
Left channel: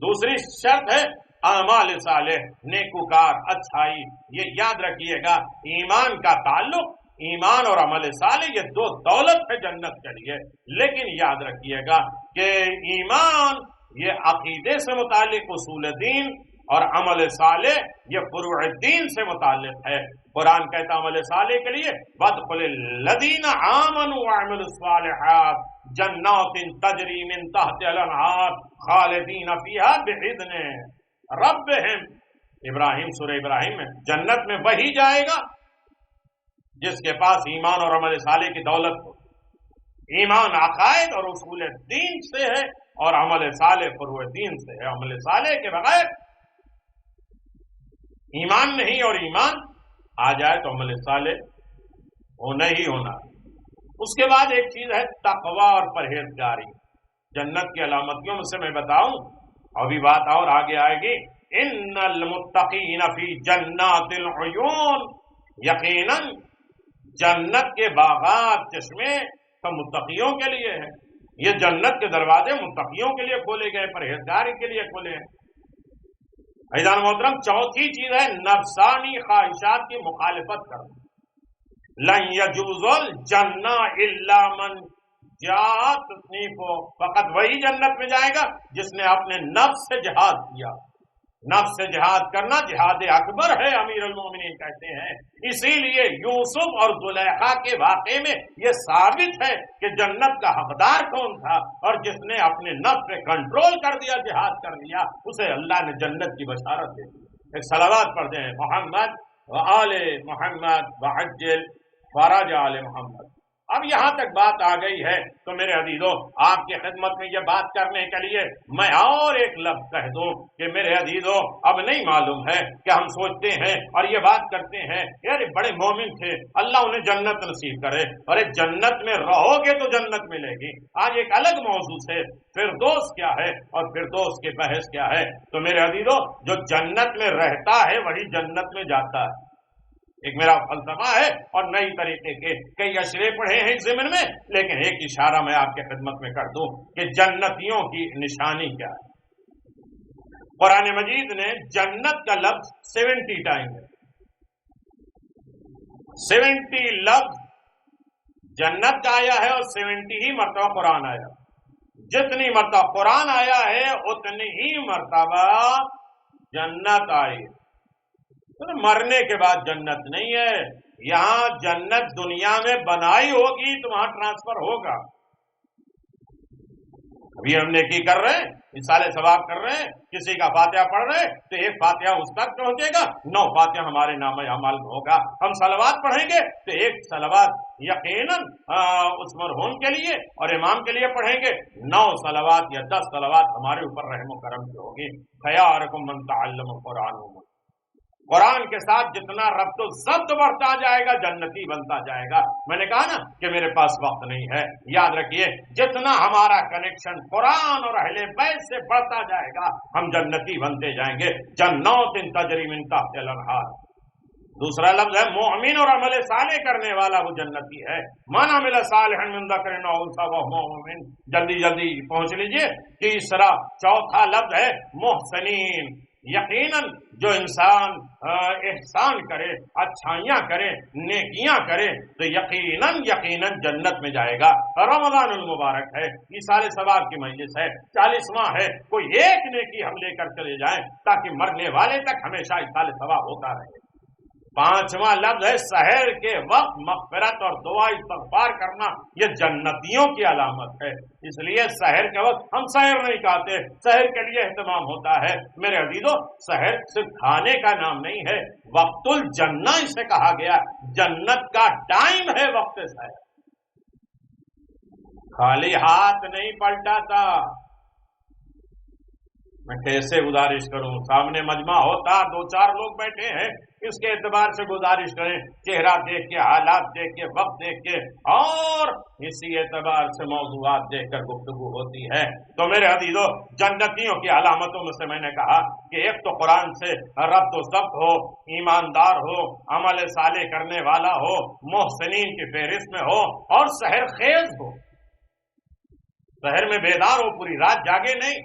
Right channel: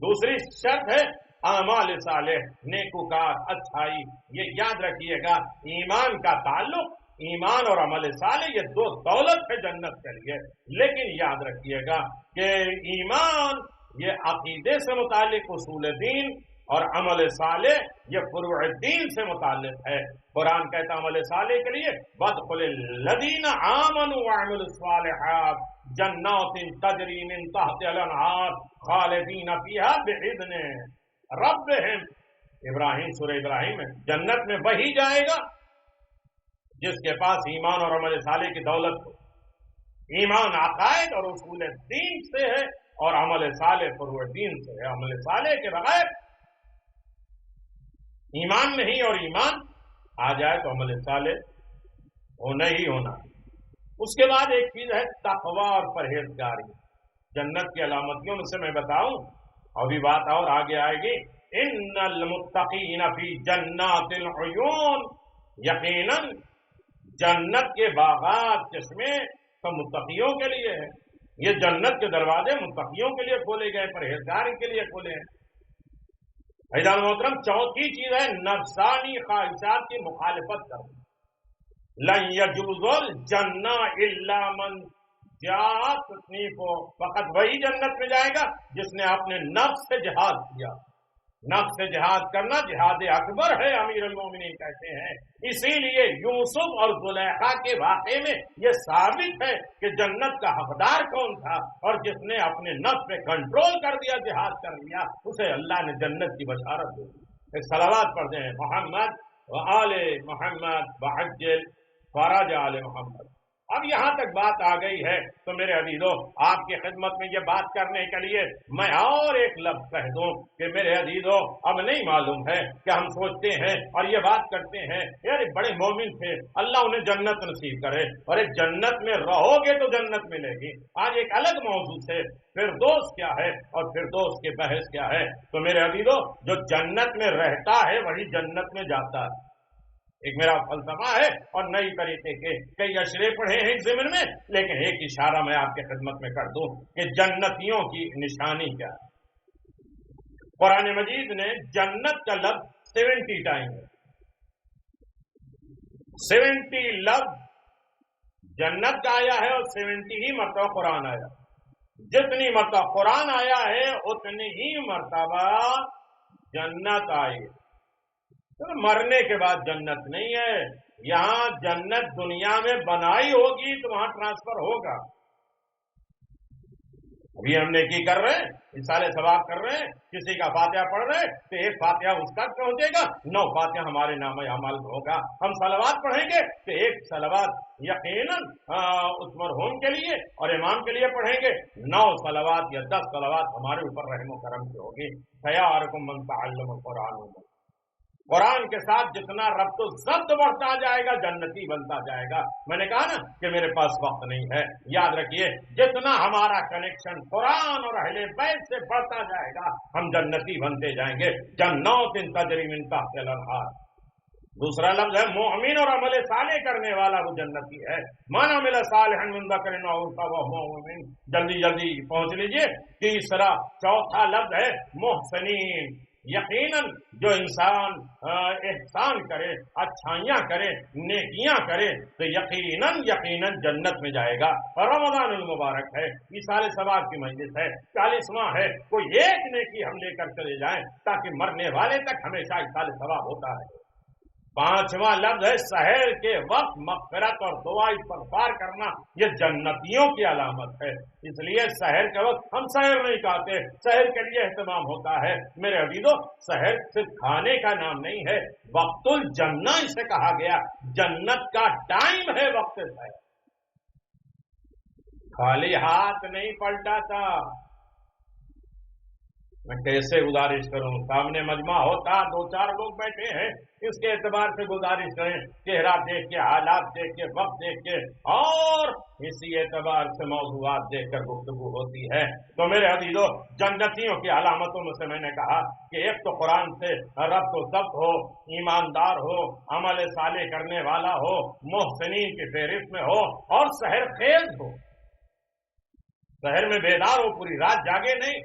دوسری شرط ہے اعمال صالح، نیکوکار، اچھائی، یہ یاد رکھیے گا ایمان کا تعلق، ایمان اور عمل صالح یہ دو دولت ہے جنت کے لیے. لیکن یاد رکھیے گا کہ ایمان یہ عقیدے سے متعلق اصول دین اور عمل صالح یہ فروع دین سے متعلق ہے. قرآن کہتا ہے عمل صالح کے لیے وَادْخُلِ الَّذِينَ آمَنُوا وَعَمِلُوا الصَّالِحَاتِ جَنَّاتٍ تَجْرِي مِن تَحْتِهَا الْأَنْهَارُ خَالِدِينَ فِيهَا بِإِذْنِ رَبِّهِمْ. ابراہیم، سورہ ابراہیم میں جنت میں وہی جائے گا جس کے پاس ایمان اور عمل صالح کی دولت ہو. ایمان عقائد اور اصول دین سے ہے اور عمل صالح فروع دین سے ہے. عمل صالح کے بغیر ایمان نہیں، اور ایمان آ جائے تو عمل صالح ہونا ہی ہونا. اس کے بعد ایک چیز ہے تقوی اور پرہیزگاری. جنت کی علامتوں میں سے میں بتاؤں، ابھی بات اور آگے آئے گی. ان المتقین فی جنات العیون، یقیناً جنت کے باغات، چشمے تو متقیوں کے لیے ہیں. یہ جنت کے دروازے متقیوں کے لیے کھولے گئے، پرہیزگاری کے لیے کھولے ہیں. عزیزان محترم، چوتھی چیز ہے نفسانی خواہشات کی مخالفت کرنا. لن یجوز الجنہ الا من جاء تصنیفو، فقط وہی جنت میں جائے گا جس نے اپنے نفس سے جہاد کیا. نفس سے جہاد کرنا جہاد اکبر ہے، امیر المومنین کہتے ہیں. اسی لیے یوسف اور زلیخا کے واقعے میں یہ ثابت ہے کہ جنت کا حقدار کون تھا، اور جس نے اپنے نفس پہ کنٹرول کر دیا، جہاد کر لیا، اسے اللہ نے جنت کی بشارت دے دی. ایک صلوات پڑھ دیں، محمد و آل محمد وعجل فرج آل محمد. اب یہاں تک بات آ گئی ہے تو میرے عزیزوں، آپ کی خدمت میں یہ بات کرنے کے لیے میں اور ایک لفظ کہہ دوں کہ میرے عزیزوں، اب نہیں معلوم ہے کہ ہم سوچتے ہیں اور یہ بات کرتے ہیں یار بڑے مومن تھے، اللہ انہیں جنت نصیب کرے. اور ایک جنت میں رہو گے تو جنت ملے گی. آج ایک الگ موضوع سے فردوس کیا ہے اور فردوس کے بحث کیا ہے. تو میرے عزیزوں، جو جنت میں رہتا ہے وہی جنت میں جاتا ہے. ایک میرا فلسفہ ہے اور نئی طریقے کے کئی اشرے پڑھے ہیں اس ضمن میں، لیکن ایک اشارہ میں آپ کے خدمت میں کر دوں کہ جنتیوں کی نشانی کیا ہے. قرآن مجید نے جنت کا لفظ 70 ٹائم ہے. 70 لفظ جنت کا آیا ہے اور 70 ہی مرتبہ قرآن آیا. جتنی مرتبہ قرآن آیا ہے اتنی ہی مرتبہ جنت آئی. مرنے کے بعد جنت نہیں ہے. یہاں جنت دنیا میں بنائی ہوگی تو وہاں ٹرانسفر ہوگا. ابھی ہم نیکی کر رہے ہیں، مثال ثواب کر رہے ہیں، کسی کا فاتحہ پڑھ رہے ہیں تو ایک فاتحہ اس تک پہنچے گا، 9 فاتحہ ہمارے نام اعمال میں ہوگا. ہم صلوات پڑھیں گے تو ایک صلوات یقیناً اس مرحوم کے لیے اور امام کے لیے پڑھیں گے، 9 صلوات یا 10 صلوات ہمارے اوپر رحم و کرم کی ہوگی. خیارکم من تعلم القرآن. قرآن کے ساتھ جتنا ربط و ضبط بڑھتا جائے گا جنتی بنتا جائے گا. میں نے کہا نا کہ میرے پاس وقت نہیں ہے. یاد رکھیے جتنا ہمارا کنیکشن قرآن اور اہل بیت سے بڑھتا جائے گا ہم جنتی بنتے جائیں گے. جنات تجری من تحتها الانہار. دوسرا لفظ ہے مومن اور عمل صالح کرنے والا وہ جنتی ہے. من عمل صالحا من ذکر او انثی وهو مؤمن. جلدی جلدی پہنچ لیجئے. تیسرا چوتھا لفظ ہے محسنین. یقیناً جو انسان احسان کرے، اچھائیاں کرے، نیکیاں کرے تو یقیناً جنت میں جائے گا. رمضان المبارک ہے، ایصال ثواب کی مجلس ہے، 40واں ہے. کوئی ایک نیکی ہم لے کر چلے جائیں تاکہ مرنے والے تک ہمیشہ ایصال ثواب ہوتا رہے. 5واں لفظ ہے سحر کے وقت مغفرت اور دعا استغفار کرنا. یہ جنتیوں کی علامت ہے. اس لیے سحر کے وقت ہم سحر نہیں کھاتے، سحر کے لیے اہتمام ہوتا ہے. میرے عزیزوں، سحر صرف کھانے کا نام نہیں ہے، وقت الجنہ اسے کہا گیا. جنت کا ٹائم ہے وقت سحر. خالی ہاتھ نہیں پلٹاتا. میں کیسے گزارش کروں؟ سامنے مجمع ہوتا، 2-4 لوگ بیٹھے ہیں، اس کے اعتبار سے گزارش کریں، چہرہ دیکھ کے، حالات دیکھ کے، وقت دیکھ کے، اور اسی اعتبار سے موضوعات دیکھ کر گفتگو ہوتی ہے. تو میرے عزیزوں، جنتیوں کی علامتوں میں سے میں نے کہا کہ ایک تو قرآن سے ربط و ضبط ہو، ایماندار ہو، عمل صالح کرنے والا ہو، محسنین کی فہرست میں ہو، اور سحر خیز ہو. سحر میں بیدار ہو، پوری رات جاگے نہیں.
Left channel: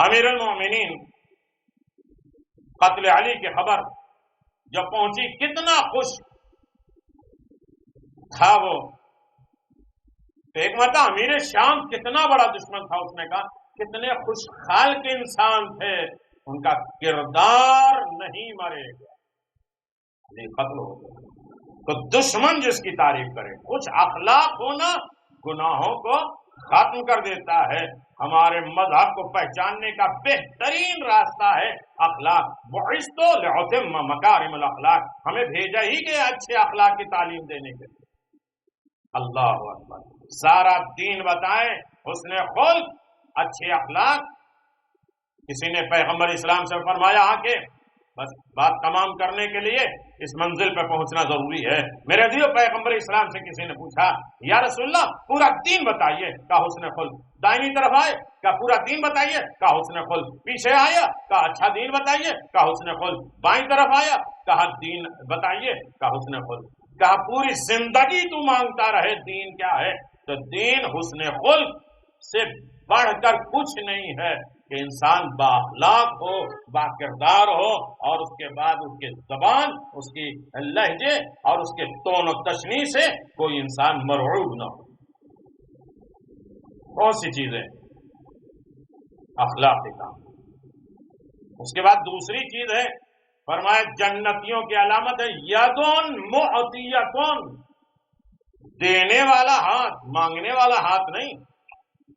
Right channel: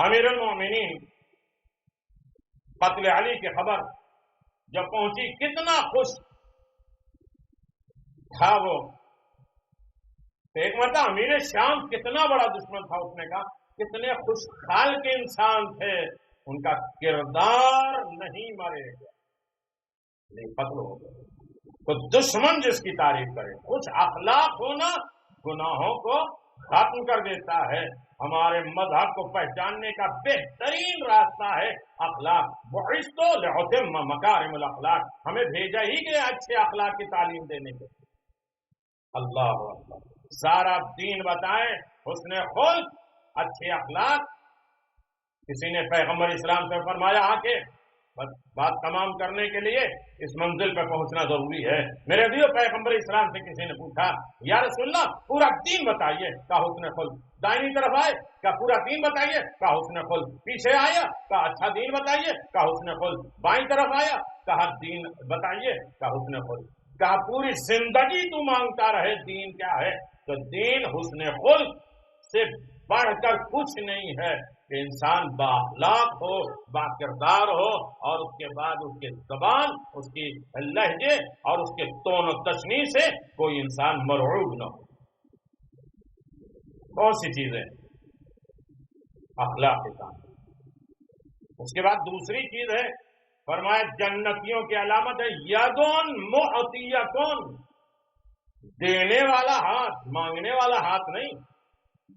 امیر المومنین قتل علی کی خبر جب پہنچی کتنا خوش تھا وہ. ایک مرتبہ امیر شام کتنا بڑا دشمن تھا، اس نے کہا کتنے خوش خال کے انسان تھے، ان کا کردار نہیں مرے گا، علی قتل ہو گیا. تو دشمن جس کی تعریف کرے، کچھ اخلاق ہونا گناہوں کو ختم کر دیتا ہے. ہمارے مذہب کو پہچاننے کا بہترین راستہ ہے اخلاق. بعثت لأتم مکارم الاخلاق، ہمیں بھیجا ہی گیا اچھے اخلاق کی تعلیم دینے کے لیے. اللہ اکبر. سارا دین بتائیں، حسن خلق، اچھے اخلاق. کسی نے پیغمبر اسلام سے فرمایا آ کے بس بات تمام کرنے کے لیے اس منزل پہ پہنچنا ضروری ہے. میرے دیو پیغمبر اسلام سے کسی نے پوچھا یا رسول اللہ پورا دین بتائیے، کہا حسن خلق. دائنی طرف آئے کہا پورا دین بتائیے، کہا حسن خلق. پیچھے آیا کہا اچھا دین بتائیے، کہا حسن خلق. بائیں طرف آیا کہا دین بتائیے، کہا حسن خلق. کہا پوری زندگی تو مانگتا رہے دین کیا ہے، تو دین حسن خلق سے بڑھ کر کچھ نہیں ہے کہ انسان با اخلاق ہو، با کردار ہو، اور اس کے بعد اس کے زبان، اس کی لہجے اور اس کے تون و تشنیع سے کوئی انسان مرعوب نہ ہو. کون سی چیزیں اخلاق کے کام. اس کے بعد دوسری چیز ہے، فرمایا جنتیوں کی علامت ہے یدون معطیتون، دینے والا ہاتھ، مانگنے والا ہاتھ نہیں.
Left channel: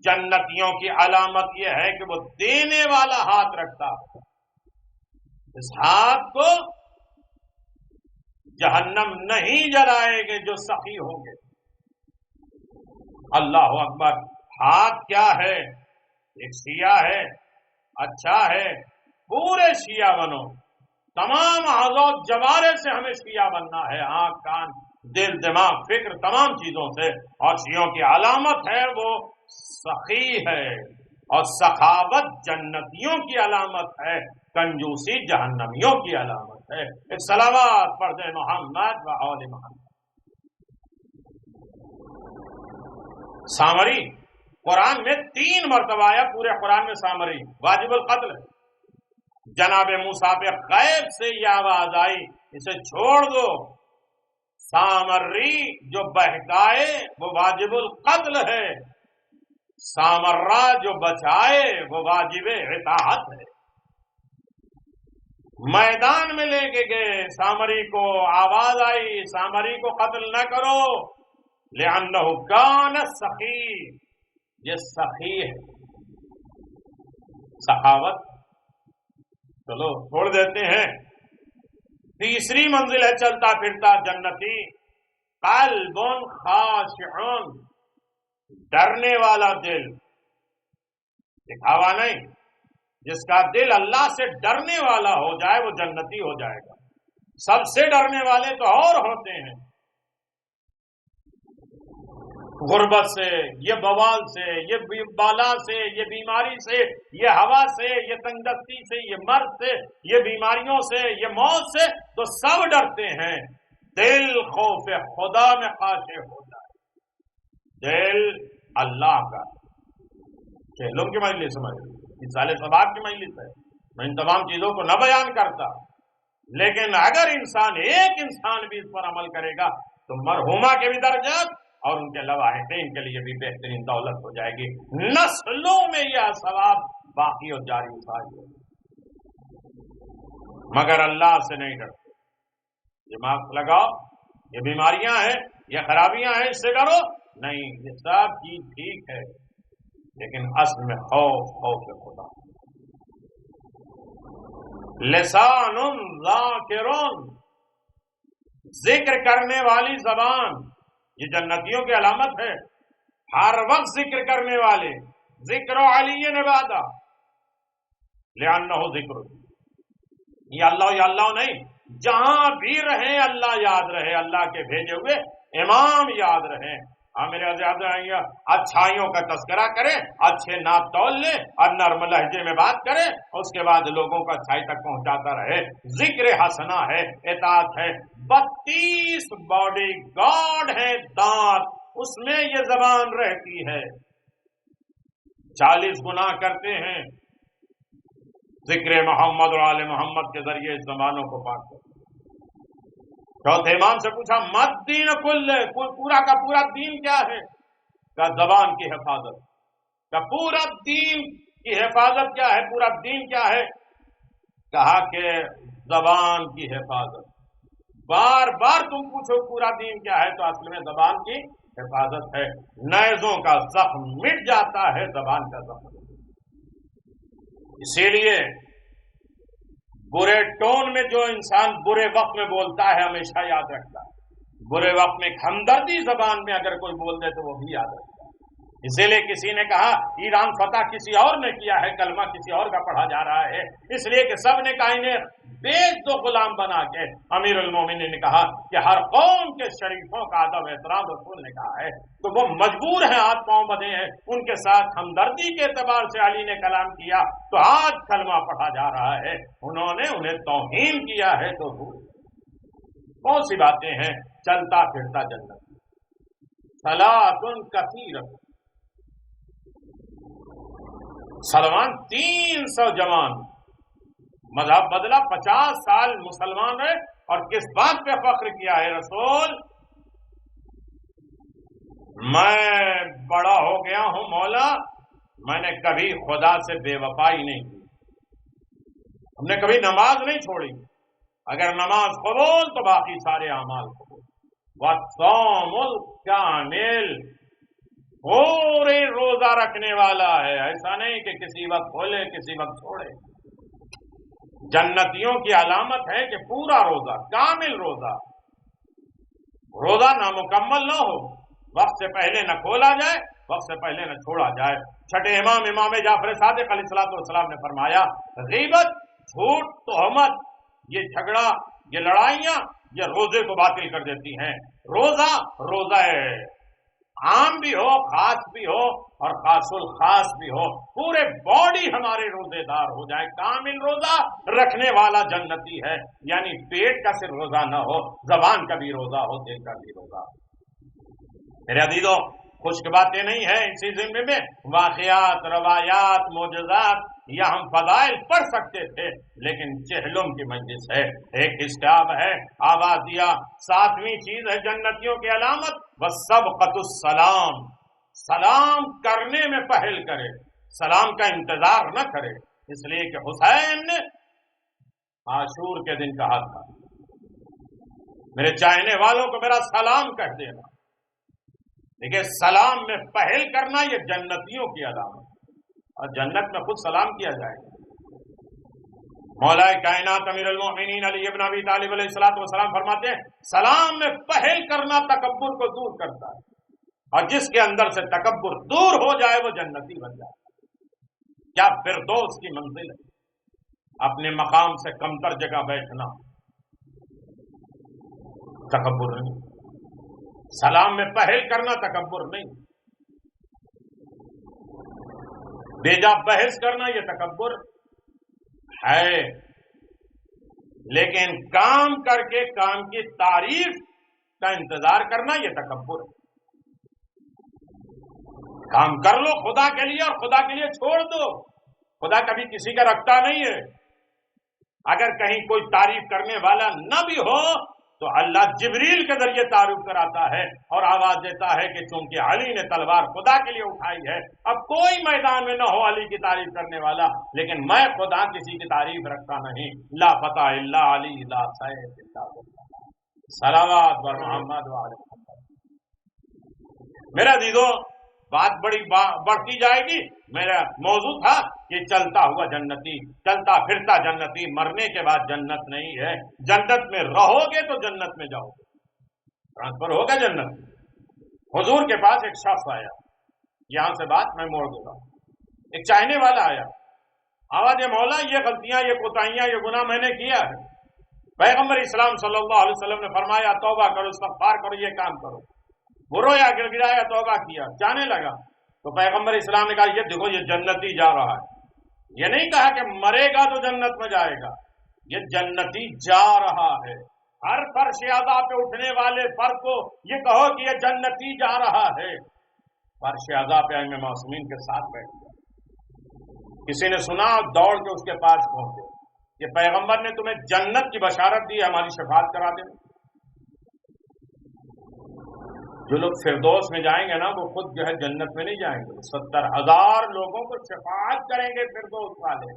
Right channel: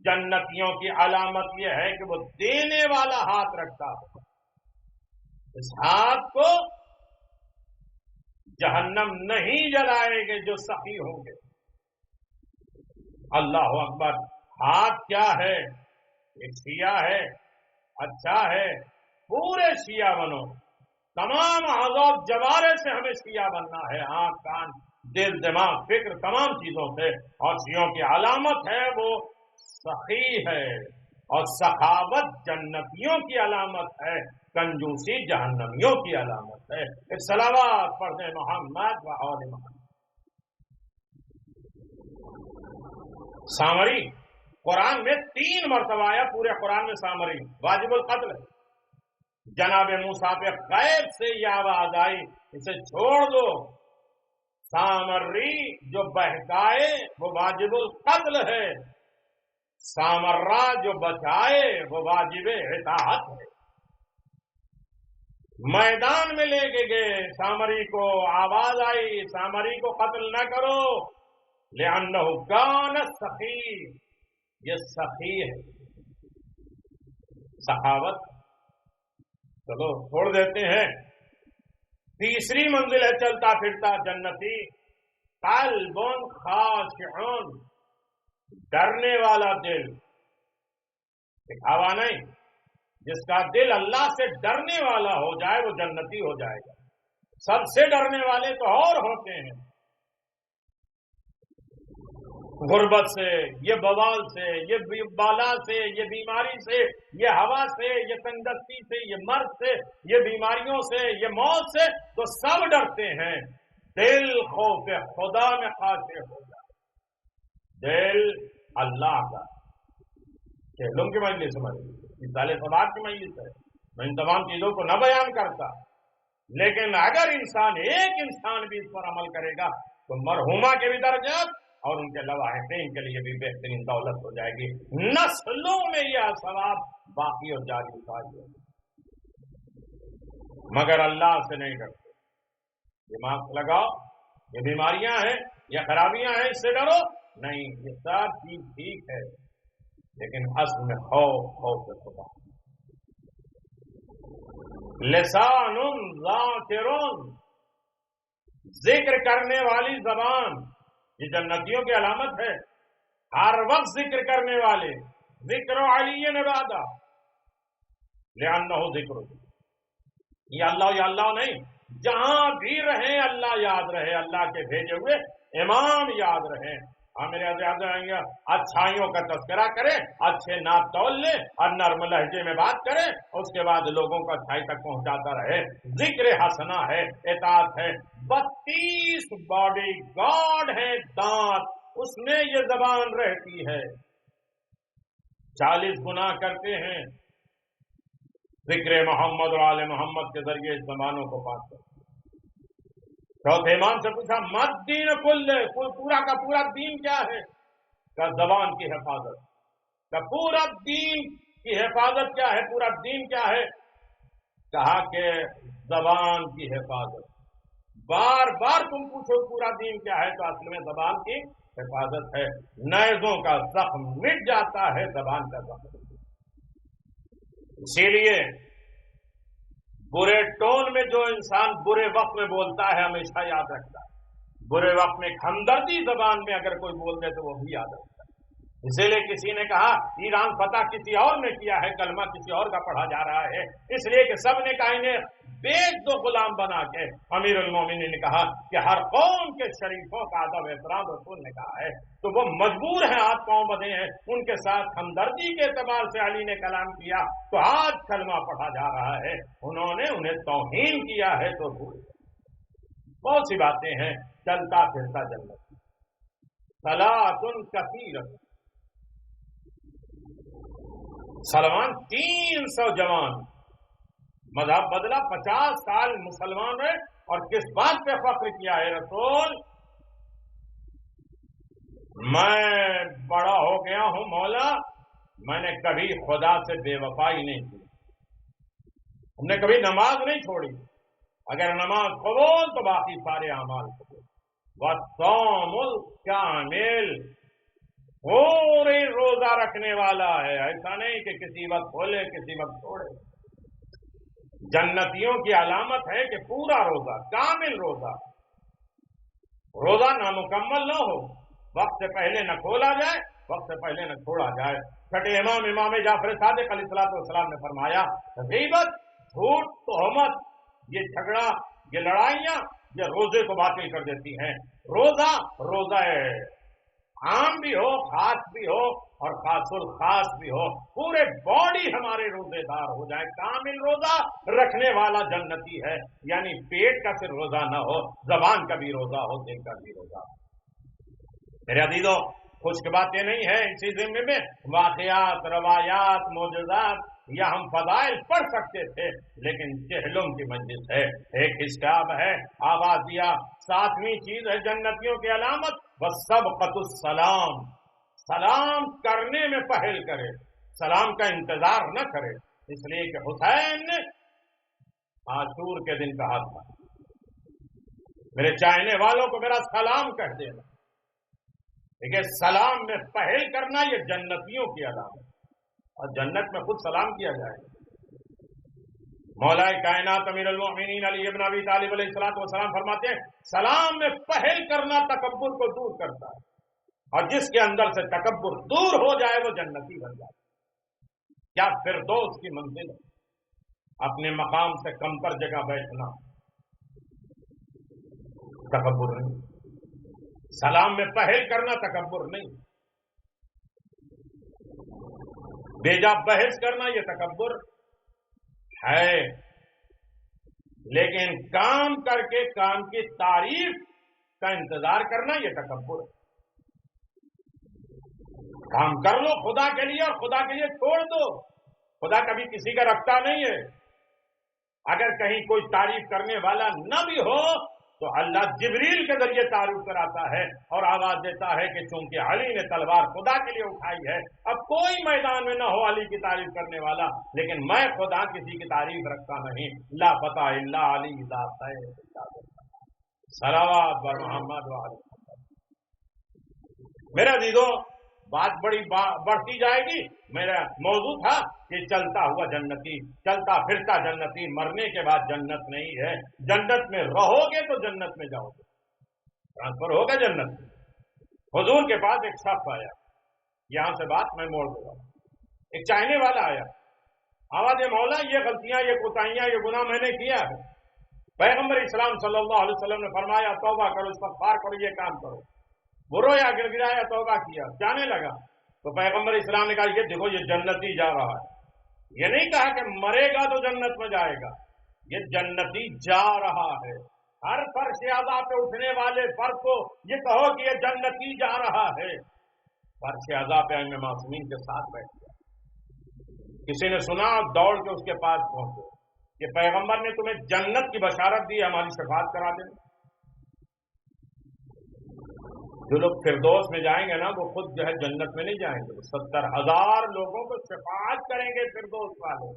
جنتیوں کی علامت یہ ہے کہ وہ دینے والا ہاتھ رکھتا ہے. اس ہاتھ کو جہنم نہیں جلائے گے جو سخی ہوں گے. اللہ اکبر. ہاتھ کیا ہے؟ ایک شیعہ ہے، اچھا ہے، پورے شیعہ بنو. تمام اعضاء جوارے سے ہمیں شیعہ بننا ہے، آنکھ، کان، دل، دماغ، فکر، تمام چیزوں سے. اور شیعوں کی علامت ہے وہ سخی ہے، اور سخاوت جنتیوں کی علامت ہے، کنجوسی جہنمیوں کی علامت ہے. ایک صلوات پڑھ دیں محمد و آل محمد. سامری قرآن میں 3 مرتبہ آیا، پورے قرآن میں سامری واجب القتل ہے. جناب موسیٰ پہ غیب سے یہ آواز آئی اسے چھوڑ دو. سامری جو بہکائے وہ واجب القتل ہے، سامرہ جو بچائے وہ واجب اطاعت ہے. میدان میں لے کے گئے سامری کو، آواز آئی سامری کو قتل نہ کرو، لأنہ کان سخی، یہ سخی ہے. سخاوت چلو چھوڑ دیتے ہیں. تیسری منزل ہے چلتا پھرتا جنتی، قلب خاشع، ڈرنے والا دل. دکھاوا نہیں، جس کا دل اللہ سے ڈرنے والا ہو جائے وہ جنتی ہو جائے گا. سب سے ڈرنے والے تو اور ہوتے ہیں، غربت سے، یہ بوال سے، یہ بالا سے، یہ بیماری سے، یہ ہوا سے، یہ تنگدستی سے، یہ مرض سے، یہ بیماریوں سے، یہ موت سے، تو سب ڈرتے ہیں. دل خوف خدا میں خاشع ہو جائے. دل اللہ کا. کھیلوں کی مجلس سمجھ، مثال ثواب کی مجلس ہے، میں ان تمام چیزوں کو نہ بیان کرتا، لیکن اگر انسان ایک انسان بھی اس پر عمل کرے گا تو مرحومہ کے بھی درجات اور ان کے لواحقین کے لیے بھی بہترین دولت ہو جائے گی. نسلوں میں یہ ثواب باقی اور جاری ہے. مگر اللہ سے نہیں ڈرتے. دماغ لگاؤ، یہ بیماریاں ہیں، یہ خرابیاں ہیں، اس سے ڈرو نہیں. یہ سب چیز ٹھیک ہے، لیکن اصل میں خوف خدا. لسان ذاکرون، ذکر کرنے والی زبان، یہ جنتیوں کی علامت ہے. ہر وقت ذکر کرنے والے. ذکر علی عبادہ لأنہ ذکر، یا اللہ نہیں، جہاں بھی رہیں اللہ یاد رہے، اللہ کے بھیجے ہوئے امام یاد رہیں. میرے اچھائیوں کا تذکرہ کریں، اچھے نعت تول لیں اور نرم لہجے میں بات کریں، اس کے بعد لوگوں کو اچھائی تک پہنچاتا رہے. ذکر حسنہ ہے، اطاعت ہے. 32 باڈی گارڈ ہیں دانت، اس میں یہ زبان رہتی ہے. 40 گناہ کرتے ہیں ذکر محمد اور آل محمد کے ذریعے اس زبانوں کو پاک کر۔ چوتھے امام سے پوچھا مد دین کل، پورا کا پورا دین کیا ہے؟ کہ زبان کی حفاظت۔ کہ پورا دین کی حفاظت کیا ہے؟ پورا دین کیا ہے؟ کہا کہ زبان کی حفاظت۔ بار بار تم پوچھو پورا دین کیا ہے تو اصل میں زبان کی حفاظت ہے۔ نیزوں کا زخم مٹ جاتا ہے، زبان کا زخم۔ اسی لیے برے ٹون میں جو انسان برے وقت میں بولتا ہے ہمیشہ یاد رکھتا ہے، برے وقت میں ہمدردی زبان میں اگر کوئی بول دے تو وہ بھی یاد رکھتا ہے۔ اسی لیے کسی نے کہا ایران فتح کسی اور نے کیا ہے، کلمہ کسی اور کا پڑھا جا رہا ہے، اس لیے کہ سب نے کہا انہیں بیچ دو غلام بنا کے۔ امیر المومنین نے کہا کہ ہر قوم کے شریفوں کا ادب احترام رسول نے کہا ہے، تو وہ مجبور ہیں، ہاتھ پاؤں بدے ہیں، ان کے ساتھ ہمدردی کے اعتبار سے علی نے کلام کیا تو آج کلمہ پڑھا جا رہا ہے، انہوں نے انہیں توہین کیا ہے تو بھول گئے۔ بہت سی باتیں ہیں، چلتا پھرتا جنت۔ صلاۃ کثیرۃ، سلمان 300 جوان، مذہب بدلا، 50 سال مسلمان رہے، اور کس بات پہ فخر کیا ہے رسول؟ میں بڑا ہو گیا ہوں مولا، میں نے کبھی خدا سے بے وفائی نہیں کی، ہم نے کبھی نماز نہیں چھوڑی، اگر نماز قبول تو باقی سارے اعمال قبول۔ والصوم الکامل، پورے روزہ رکھنے والا ہے، ایسا نہیں کہ کسی وقت کھولے کسی وقت چھوڑے۔ جنتیوں کی علامت ہے کہ پورا روزہ، کامل روزہ، روزہ نامکمل نہ ہو، وقت سے پہلے نہ کھولا جائے، وقت سے پہلے نہ چھوڑا جائے۔ چھٹے امام امام جعفر صادق علیہ السلام نے فرمایا غیبت، جھوٹ، تہمت، یہ جھگڑا، یہ لڑائیاں، یہ روزے کو باطل کر دیتی ہیں۔ روزہ عام بھی ہو، خاص بھی ہو، اور خاص الخاص بھی ہو، پورے باڈی ہمارے روزے دار ہو جائے۔ کامل روزہ رکھنے والا جنتی ہے، یعنی پیٹ کا صرف روزہ نہ ہو، زبان کا بھی روزہ ہو، دل کا بھی روزہ ہو۔ میرے عزیزوں، خشک باتیں نہیں ہیں اسی ضمن میں، واقعات، روایات، معجزات، یا ہم فضائل پڑھ سکتے تھے، لیکن چہلم کی مجلس ہے، ایک حساب ہے، آواز دیا۔ 7ویں چیز ہے جنتیوں کی علامت، وَالسَّبْقَةُ السَّلَامُ، سلام کرنے میں پہل کرے، سلام کا انتظار نہ کرے، اس لیے کہ حسین نے عاشور کے دن کہا تھا میرے چاہنے والوں کو میرا سلام کہہ دینا۔ دیکھیں، سلام میں پہل کرنا یہ جنتیوں کی علامت، اور جنت میں خود سلام کیا جائے گا۔ مولا کائنات امیر المومنین علی ابن ابی طالب علیہ السلام فرماتے ہیں سلام میں پہل کرنا تکبر کو دور کرتا ہے، اور جس کے اندر سے تکبر دور ہو جائے وہ جنتی بن جاتا ہے۔ کیا فردوس کی منزل ہے، اپنے مقام سے کمتر جگہ بیٹھنا، تکبر نہیں۔ سلام میں پہل کرنا تکبر نہیں، بیجا بحث کرنا یہ تکبر ہے، لیکن کام کر کے کام کی تعریف کا انتظار کرنا یہ تکبر ہے۔ کام کر لو خدا کے لیے اور خدا کے لیے چھوڑ دو، خدا کبھی کسی کا رکھتا نہیں ہے۔ اگر کہیں کوئی تعریف کرنے والا نہ بھی ہو تو اللہ جبریل کے ذریعے تعریف کراتا ہے اور آواز دیتا ہے کہ چونکہ علی نے تلوار خدا کے لیے اٹھائی ہے، اب کوئی میدان میں نہ ہو علی کی تعریف کرنے والا، لیکن میں خدا کسی کی تعریف رکھتا نہیں۔ لا فتح الا علی، لا سیف الا باللہ، صلوات بر محمد وعلی محمد۔ میرے عزیزوں، بات بڑھتی جائے گی۔ میرا موضوع تھا کہ چلتا ہوا جنتی، چلتا پھرتا جنتی، مرنے کے بعد جنت نہیں ہے، جنت میں رہو گے تو جنت میں جاؤ گے، ٹرانسفر ہوگا جنت میں۔ حضور کے پاس ایک شخص آیا، یہاں سے بات میں موڑ دوں گا، ایک چاہنے والا آیا، آواز مولا یہ غلطیاں، یہ کوتاہیاں، یہ گناہ میں نے کیا ہے۔ پیغمبر اسلام صلی اللہ علیہ وسلم نے فرمایا توبہ کرو، استغفار کرو، یہ کام کرو۔ وہ رویا، گر گرایا، توبہ کیا، جانے لگا تو پیغمبر اسلام نے کہا یہ دیکھو یہ جنتی جا رہا ہے، یہ نہیں کہا کہ مرے گا تو جنت میں جائے گا، یہ جنتی جا رہا ہے۔ ہر فرش عذاب پہ اٹھنے والے فرد کو یہ کہو کہ یہ جنتی جا رہا ہے، فرش عذاب پہ ائمہ معصومین کے ساتھ بیٹھ گیا۔ کسی نے سنا، دوڑ کے اس کے پاس پہنچے کہ پیغمبر نے تمہیں جنت کی بشارت دی ہے، ہماری شفاعت کرا دیں۔ جو لوگ فردوس میں جائیں گے نا وہ خود جو ہے جنت میں نہیں جائیں گے، 70,000 لوگوں کو شفاعت کریں گے فردوس والے۔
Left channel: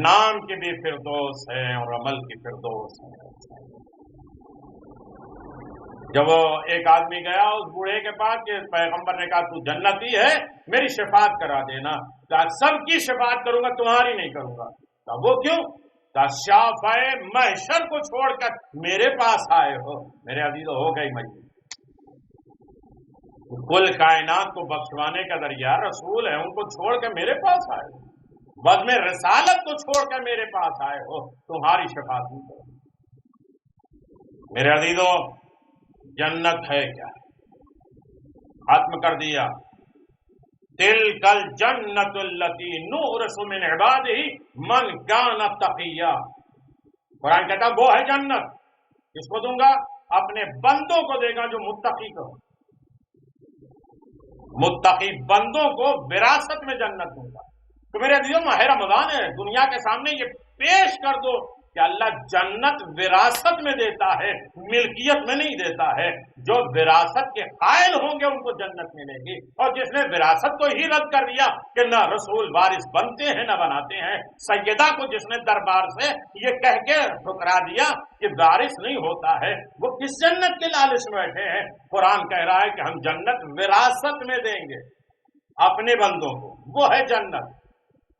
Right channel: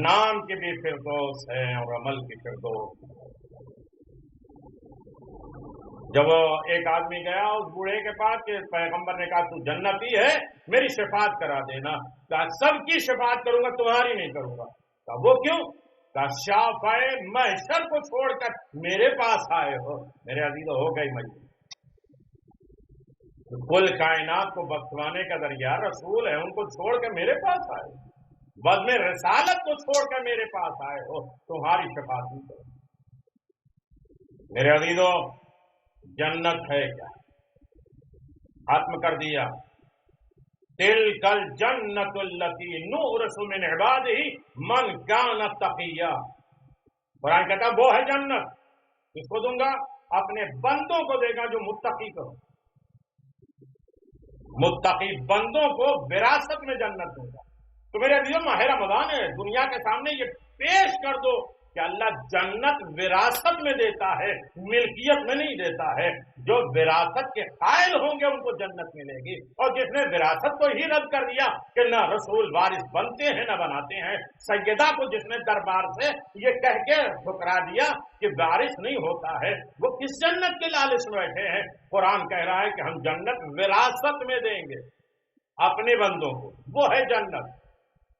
نام کی بھی فردوس ہے اور عمل کی فردوس ہے۔ جب وہ ایک آدمی گیا اس بوڑھے کے پاس کہ پیغمبر نے کہا تو جنتی ہے، میری شفاعت کرا دینا۔ کہا سب کی شفاعت کروں گا، تمہاری نہیں کروں گا۔ کہا وہ کیوں؟ کہا شافعِ محشر کو چھوڑ کر میرے پاس آئے ہو۔ میرے عزیزو ہو گئی مجبور، کل کائنات کو بخشوانے کا ذریعہ رسول ہے، ان کو چھوڑ کر میرے پاس آئے ہو، بزم رسالت کو چھوڑ کر میرے پاس آئے ہو، تمہاری شفاعت نہیں کروں۔ میرے عزیزو جنت ہے کیا؟ ختم کر دیا، تلک الجنت التی نورث من عبادہ من کان تقیا۔ قرآن کہتا وہ ہے جنت، کس کو دوں گا؟ اپنے بندوں کو دے گا جو متقی کو، متقی بندوں کو وراثت میں جنت دوں گا۔ تو میرے عزیزو ماہ رمضان ہے، دنیا کے سامنے یہ پیش کر دو کہ اللہ جنت وراثت میں دیتا ہے، ملکیت میں نہیں دیتا ہے۔ جو وراثت کے قائل ہوں گے ان کو جنت ملے گی، اور جس نے وراثت کو ہی رد کر دیا کہ نہ رسول وارث بنتے ہیں نہ بناتے ہیں، سیدہ کو جس نے دربار سے یہ کہہ کے ٹھکرا دیا کہ وارث نہیں ہوتا ہے، وہ کس جنت کے لالچ میں بیٹھے ہیں؟ قرآن کہہ رہا ہے کہ ہم جنت وراثت میں دیں گے اپنے بندوں کو، وہ ہے جنت۔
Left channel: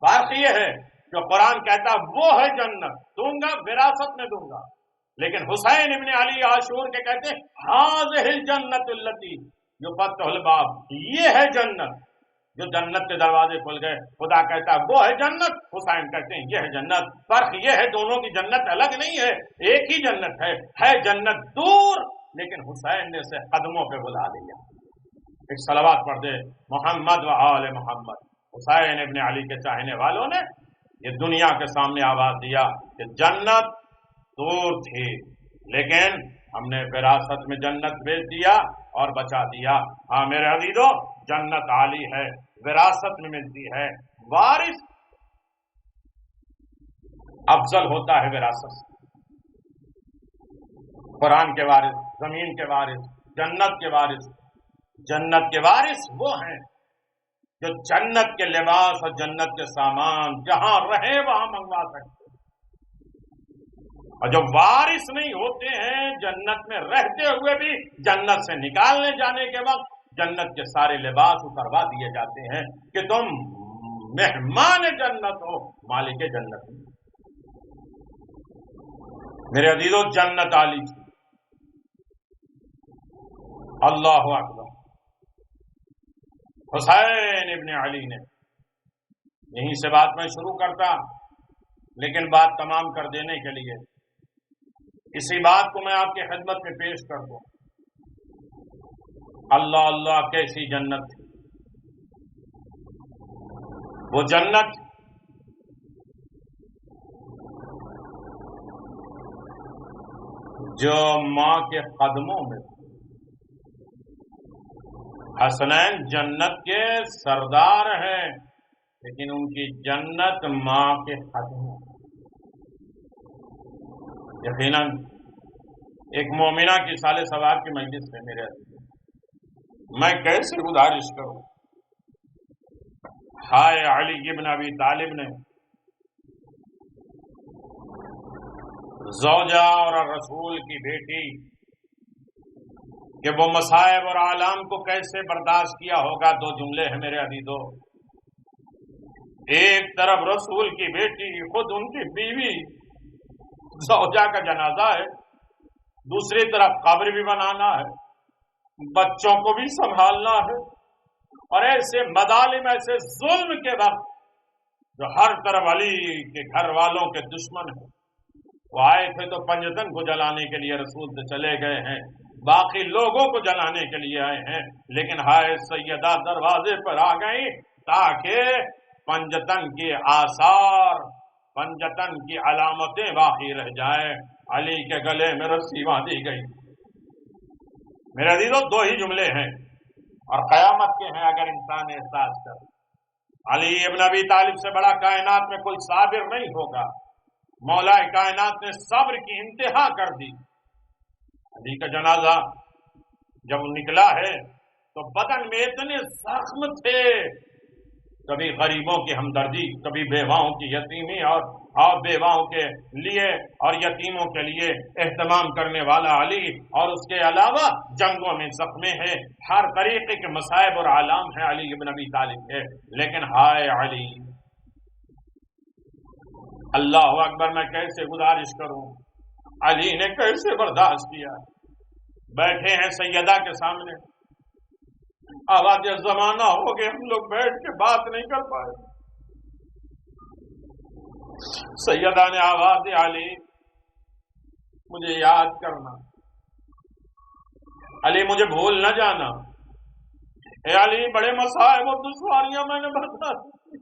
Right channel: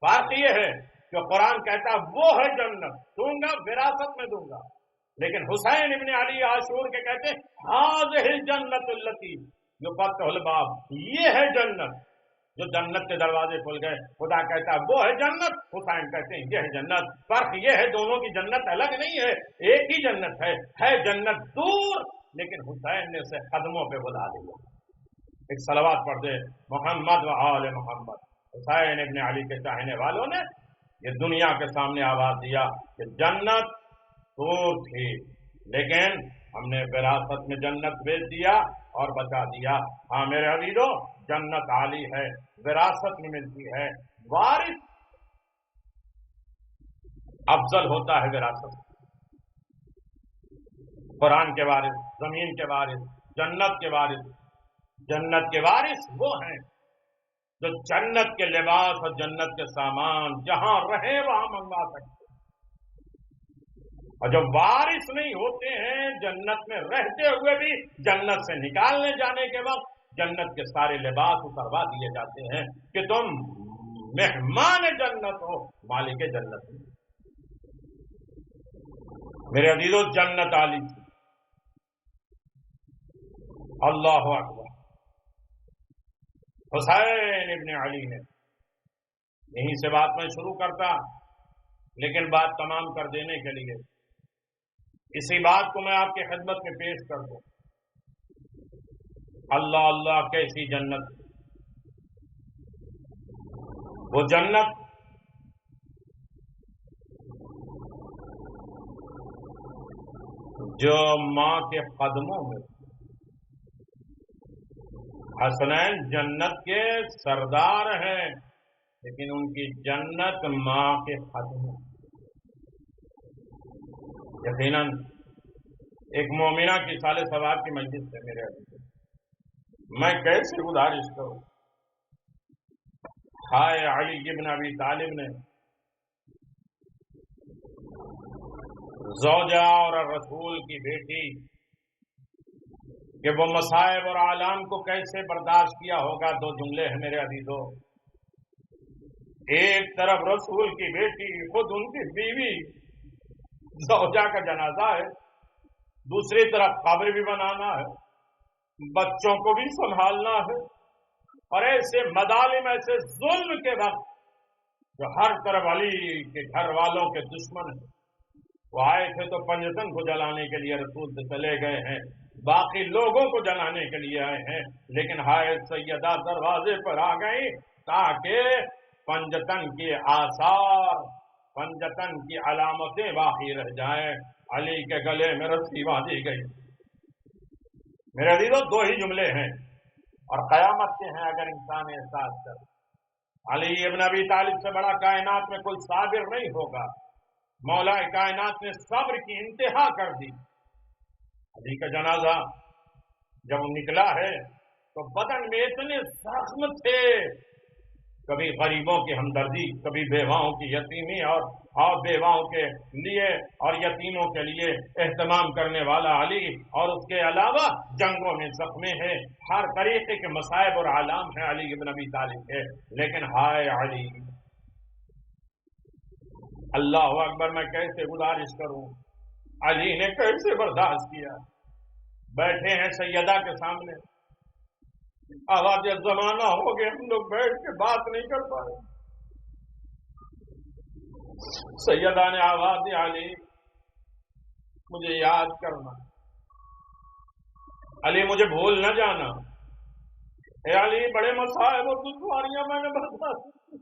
فرق یہ ہے کہ قرآن کہتا وہ ہے جنت دوں گا، وراثت میں دوں گا، لیکن حسین ابن علی عاشور کے کہتے ہیں ہاذہ الجنت التی یفتح الباب، یہ ہے جنت جو جنت کے دروازے کھل گئے۔ خدا کہتا ہے وہ ہے جنت، حسین کہتے ہیں یہ ہے جنت۔ فرق یہ ہے دونوں کی جنت الگ نہیں ہے، ایک ہی جنت ہے جنت دور، لیکن حسین نے اسے قدموں پہ بلا لیا۔ ایک صلوات پڑھ دے، محمد و آل محمد۔ حسین ابن علی کے چاہنے والوں نے یہ دنیا کے سامنے آواز دیا کہ جنت دور تھی، لیکن ہم نے وراثت میں جنت بھیج دیا اور بچا دیا۔ ہاں میرے عزیزو جنت عالی ہے، وراثت میں ملتی ہے، وارث افضل ہوتا ہے وراثت سے۔ قرآن کے وارث، زمین کے وارث، جنت کے وارث۔ جنت کے وارث وہ ہیں جو جنت کے لباس اور جنت کے سامان جہاں رہے وہاں منگوا سکتے ہیں، اور جو وارث نہیں ہوتے ہیں جنت میں رہتے ہوئے بھی جنت سے نکالنے جانے کے وقت جنت کے سارے لباس اتروا دیے جاتے ہیں کہ تم مہمان جنت ہو، مالک جنت نہیں۔ میرے عزیزو جنت عالی تھی۔ اللہ اکبر۔ حسین ابن علی نے، یہیں سے بات میں شروع کرتا، لیکن بات تمام کر دینے کے لیے اسی بات کو میں آپ کی خدمت میں پیش کر دوں۔ اللہ اللہ کیسی جنت تھی! وہ جنت جو ماں کے قدموں میں تھی۔ حسنین جنت کے سردار ہیں، لیکن ان کی جنت ماں کے قدموں۔ یقیناً ایک مومنہ کی سال ثواب کی مجلس ہے میرے عزیز، میں کیسے گزارش کروں؟ ہائے علی ابن ابی طالب نے زوجہ اور رسول کی بیٹی کہ وہ مصائب اور آلام کو کیسے برداشت کیا ہوگا۔ دو جملے ہیں میرے عزیزو، ایک طرف رسول کی بیٹی خود ان کی بیوی زوجہ کا جنازہ ہے، دوسری طرف قبر بھی بنانا ہے، بچوں کو بھی سنبھالنا ہے، اور ایسے مظالم، ایسے ظلم کے وقت جو ہر طرف علی کے گھر والوں کے دشمن ہیں، وہ آئے تھے تو پنجتن کو جلانے کے لیے رسول سے چلے گئے ہیں، باقی لوگوں کو جلانے کے لیے آئے ہیں، لیکن ہائے سیدہ دروازے پر آ گئی تاکہ پنجتن کے آثار، پنجتن کی علامتیں باقی رہ جائیں۔ علی کے گلے میں رسی باندھی گئی۔ میرے عزیزو دو ہی جملے ہیں اور قیامت کے ہیں اگر انسان احساس کرے۔ علی ابن ابی طالب سے بڑا کائنات میں کوئی صابر نہیں ہوگا. مولا کائنات نے صبر کی انتہا کر دی. علی کا جنازہ جب نکلا ہے تو بدن میں اتنے زخم تھے، کبھی غریبوں کی ہمدردی، کبھی بیواؤں کی یتیمی اور بیواؤں کے لیے اور یتیموں کے لیے اہتمام کرنے والا علی، اور اس کے علاوہ جنگوں میں زخمی ہے، ہر طریقے کے مصائب اور آلام ہیں علی ابن ابی طالب کے. لیکن ہائے علی، اللہ اکبر، میں کیسے گزارش کروں، علی نے کیسے برداشت کیا. بیٹھے ہیں سیدہ کے سامنے، آواز زمانہ ہو گئے، ہم لوگ بیٹھ کے بات نہیں کر پائے. سیدہ نے آواز دی، علی مجھے یاد کرنا، علی مجھے بھول نہ جانا. اے علی، بڑے مصائب اور دشواریاں میں نے برداشت کی.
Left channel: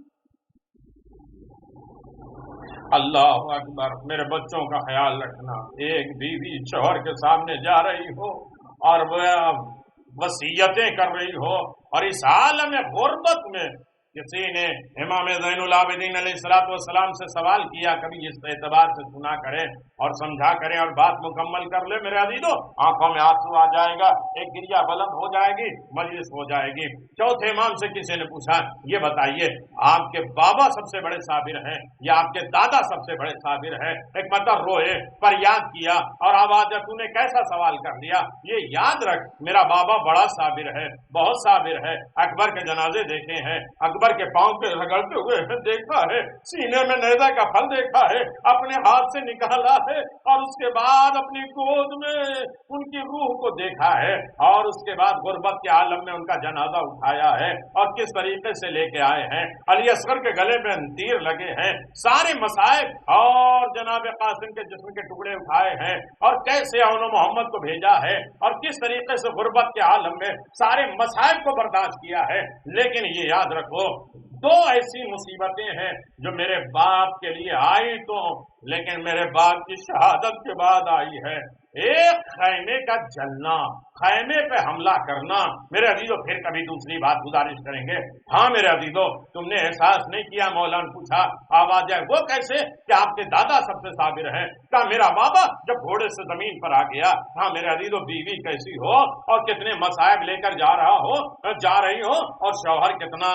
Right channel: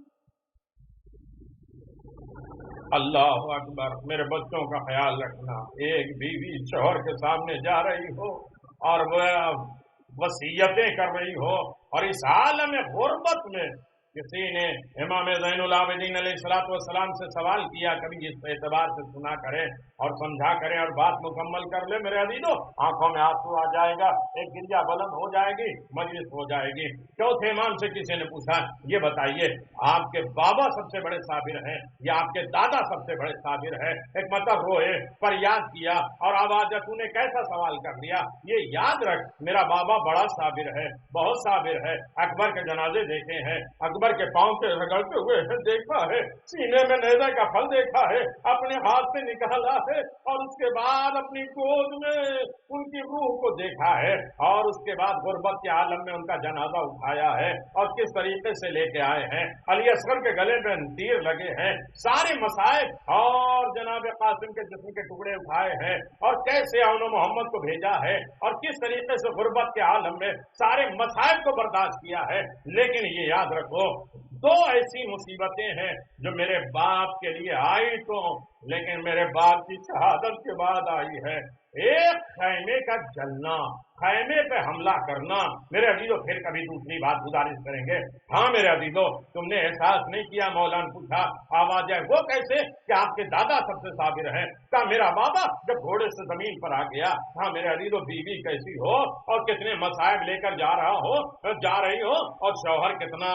اللہ اکبر، میرے بچوں کا خیال رکھنا. ایک بیوی شوہر کے سامنے جا رہی ہو اور وہ وصیتیں کر رہی ہو، اور اس عالم غربت میں کسی نے امام زین العابدین علیہ السلام سے سوال کیا، کبھی اس اعتبار سے سنا کریں اور سمجھا کریں اور بات مکمل کر لے. میرے عزیزو، آنکھوں میں آنسو آ جائے گا، ایک گریا بلند ہو جائے گی، مجلس ہو جائے گی. چوتھے امام سے کسی نے پوچھا، یہ بتائیے آپ کے بابا سب سے بڑے صابر ہیں یا آپ کے دادا سب سے بڑے صابر ہیں؟ ایک مطلب روئے پر یاد کیا اور آواز تو نے کیسا سوال کر لیا. یہ یاد رکھ، میرا بابا بڑا صابر ہے، بہت صابر ہے. اکبر کے جنازے دیکھے ہیں، اکبر کے پاؤں پہ رگڑتے ہوئے دیکھا ہے، سینے میں نیزہ کا پھل دیکھا ہے، اپنے ہاتھ سے نکالا ہے، اور اس کے بعد اپنی گود میں ان کی روح کو دیکھا ہے، اور اس کے بعد غربت کے عالم میں ان کا جنازہ اٹھایا ہے اور کس طریقے سے لے کے آئے ہیں. علی اصغر کے گلے میں تیر لگے ہیں، سارے مصائب اور جناب قاسم کے جسم کے ٹکڑے اٹھائے ہیں، اور کیسے اون محمد کو بھیجا ہے اور کس طریقے سے غربت کے عالم میں سارے مصائب کو برداشت کیا ہے. لیکن یہ یاد رکھو، دو ایسی مصیبتیں ہیں جو میرے باپ کے لیے آئی تو، لیکن میرے باپ کی شہادت کے بعد آئی ہے. ایک خیمے کا جلنا، خیمے پہ حملہ کرنا. میرے عزیزو، پھر کبھی دوسری بات گزارش کریں گے. ہاں میرے عزیزو، تم نے احساس نہیں کیا، مولانا پوچھا آواز جائے وہ کیسے کہ آپ کے دادا سب سے صابر ہیں. کہا میرا بابا جب گھوڑے سے زمین پر آ گیا. ہاں میرے عزیزو، بیوی کیسی ہو اور کتنے مصائب لے کر جا رہی ہو، اور شوہر کتنا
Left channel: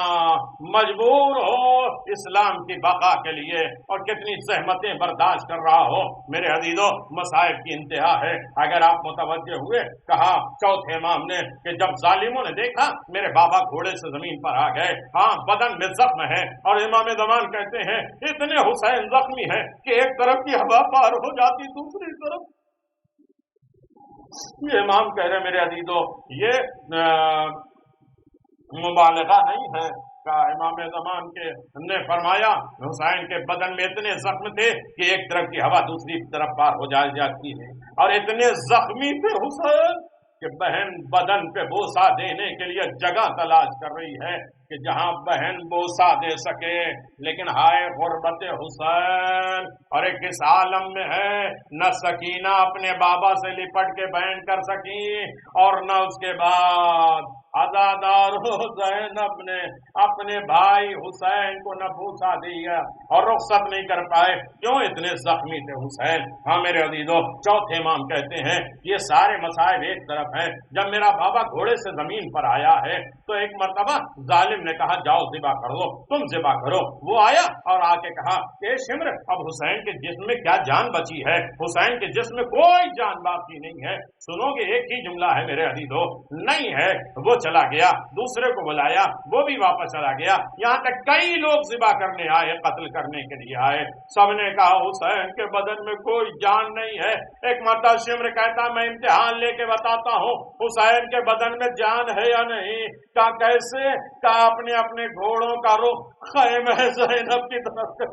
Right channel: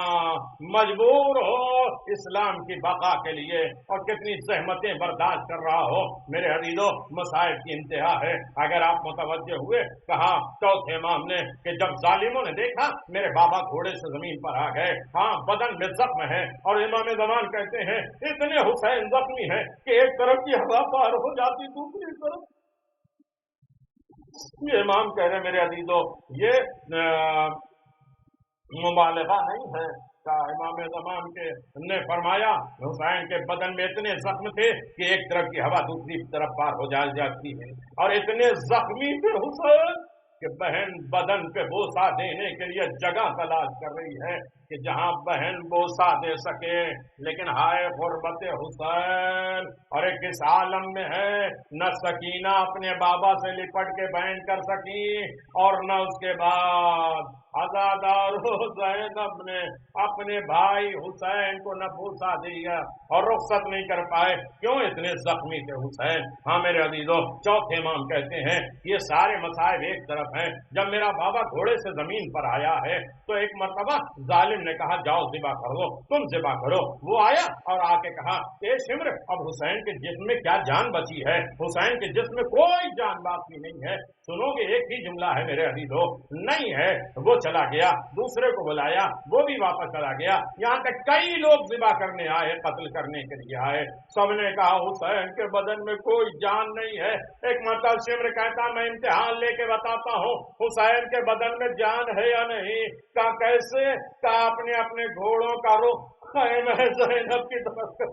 مجبور ہو اسلام کی بقا کے لیے اور کتنی زحمتیں برداشت کر رہا ہو. میرے عزیزو، مصائب کی انتہا ہے. اگر آپ متوجہ ہوئے، کہا چوتھے امام نے کہ جب ظالموں نے دیکھا میرے بابا گھوڑے سے زمین پر آ گئے، ہاں بدن میں زخم ہے، اور امام زمان کہتے ہیں اتنے حسین زخمی ہیں کہ ایک طرف کی ہوا پار ہو جاتی دوسری طرف. یہ امام کہہ رہے میرے عزیزو، یہ مبالغہ نہیں ہے. امام زمان کے نے فرمایا حسین کے بدن میں اتنے زخم تھے کہ ایک طرف کی ہوا دوسری طرف پار ہو جاتی ہے، اور اتنے زخمی تھے حسین کہ بہن بدن پہ بوسہ دینے کے لیے جگہ تلاش کر رہی ہے کہ جہاں بہن بوسہ دے سکے. لیکن ہائے غربت حسین، اور ایک اس عالم میں ہے نہ سکینہ اپنے بابا سے لپٹ کے بہن کر سکی، اور نہ اس کے بعد عزادار زینب نے اپنے بھائی حسین کو نہ بوسہ دیا اور رخصت نہیں کر پائے. کیوں؟ اتنے زخمی تھے حسین. ہاں میرے عزیزو، چوتھے امام کہتے ہیں یہ سارے مصائب ایک طرف ہیں. جب میرا بابا گھوڑے سے زمین پر آیا ہے تو ایک مرتبہ ظالم نے کہا جاؤ ذبح کر دو، تم ذبح کرو. وہ آیا اور آ کے کہا کہ شمر، اب حسین کے جسم میں کیا جان بچی ہے؟ حسین کے جسم میں کوئی جان باقی نہیں ہے. سنو گے ایک ہی جملہ ہے میرے عزیزو، نہیں ہے. وہ چلا گیا، دوسرے کو بلایا، وہ بھی واپس چلا گیا. یہاں تک کئی لوگ ذبح کرنے آئے، قتل کرنے کے لیے آئے. سب نے کہا حسین کے بدن میں کوئی جان نہیں ہے. ایک مرتبہ شمر کہتا میں امتحان لے کے بتاتا ہوں حسین کے بدن میں جان ہے یا نہیں. کہا کیسے؟ کہا اپنے گھوڑوں کا رخ خیمہ زینب کی طرف.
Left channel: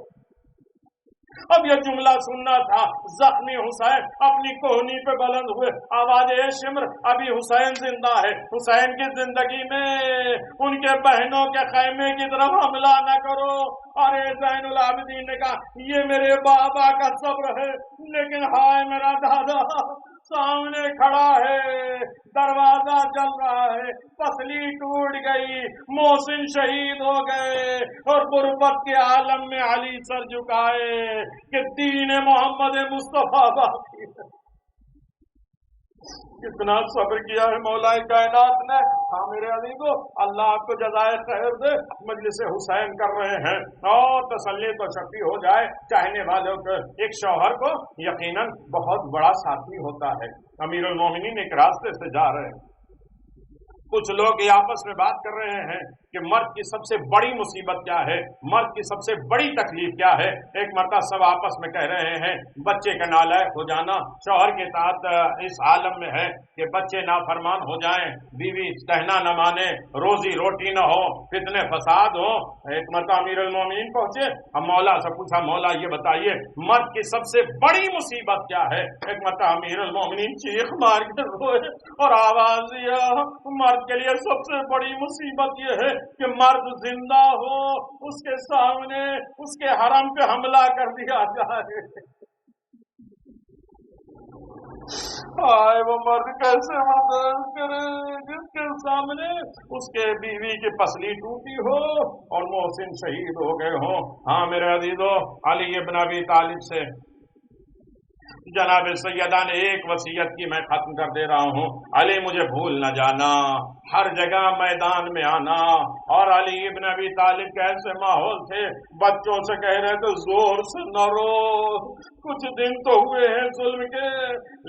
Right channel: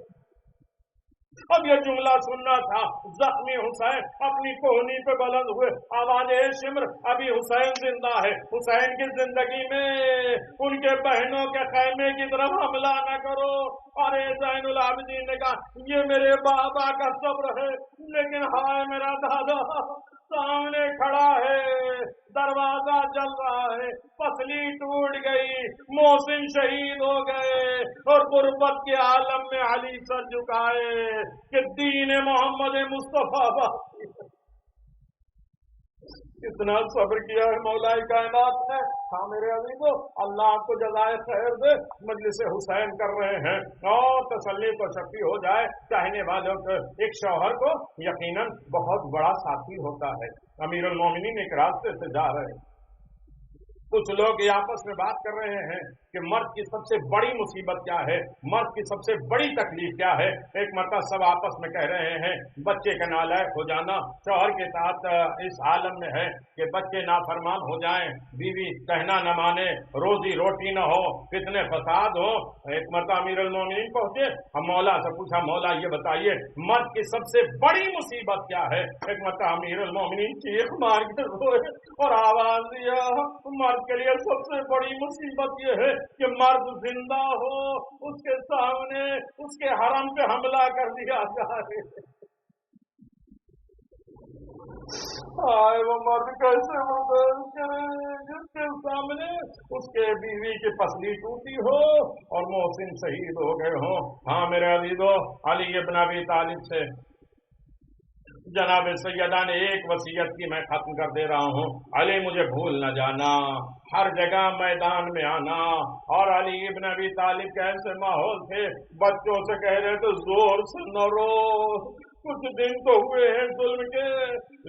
اب یہ جملہ سننا تھا. زخمی حسین اپنی کوہنی پہ بلند ہوئے، آواز اے شمر، ابھی حسین زندہ ہے. حسین کی زندگی میں ان کے بہنوں کے خیمے کی طرف حملہ نہ کرو. اور زین العابدین نے کہا یہ میرے بابا کا صبر ہے، لیکن ہائے میرا دادا سامنے کھڑا ہے، دروازہ جل رہا ہے، پسلی ٹوٹ گئی، محسن شہید ہو گئے، اور غربت کے عالم میں علی سر جھکائے کہ دین محمد مصطفیٰ باقی ہے۔ کتنا صبر کیا ہے مولا کائنات نے۔ ہاں میرے عزیزو، اللہ آپ کو جزائے خیر دے۔ مجلس حسین کر رہے ہیں اور تسلی تو شفیع ہو جائے چاہنے والوں کو۔ ایک شوہر کو یقیناً بہت بڑا ساتھی ہوتا ہے۔ امیر المومنین ایک راستے سے جا رہے ہیں، کچھ لوگ یہ آپس میں بات کر رہے ہیں کہ مرد کی سب سے بڑی مصیبت کیا ہے، مرد کی سب سے بڑی تکلیف کیا ہے۔ ایک مرتبہ سب آپس میں کہہ رہے ہیں بچے کا نالائق ہو جانا شوہر کے ساتھ اس عالم میں ہے کہ بچے نافرمان ہو جائیں، بیوی کہنا نہ مانے، روزی روٹی نہ ہو، فتنے فساد ہو۔ ایک مرتبہ امیر المومنین پہنچے، ہم مولا سے پوچھا مولا یہ بتائیے مرد کی سب سے بڑی مصیبت کیا ہے۔ ایک مرتبہ امیر المومنین چیخ مار کے روئے اور آواز دیا مرد کے لیے سب سے بڑی مصیبت یہ ہے کہ مرد زندہ ہو، اس کے سامنے اس کے حرم پہ حملہ کر دیا جائے۔ وہ مرد کیسے برداشت کرے جس کے سامنے اس کے بیوی کی پسلی ٹوٹی ہو اور محسن شہید ہو گئے ہوں۔ ہاں میرے عزیزو، علی ابن ابی طالب سے جناب سیدہ نے ایک وصیت کی، میں ختم کر دے رہا ہوں۔ علی مجھے بھول نہ جانا، ہر جگہ میدان میں آنا۔ اور علی ابن ابی طالب کے ایسے ماحول تھے، بچوں سے کہہ رہے تھے زور سے نہ رو، کچھ دن تو ہوئے ہیں ظلم کے،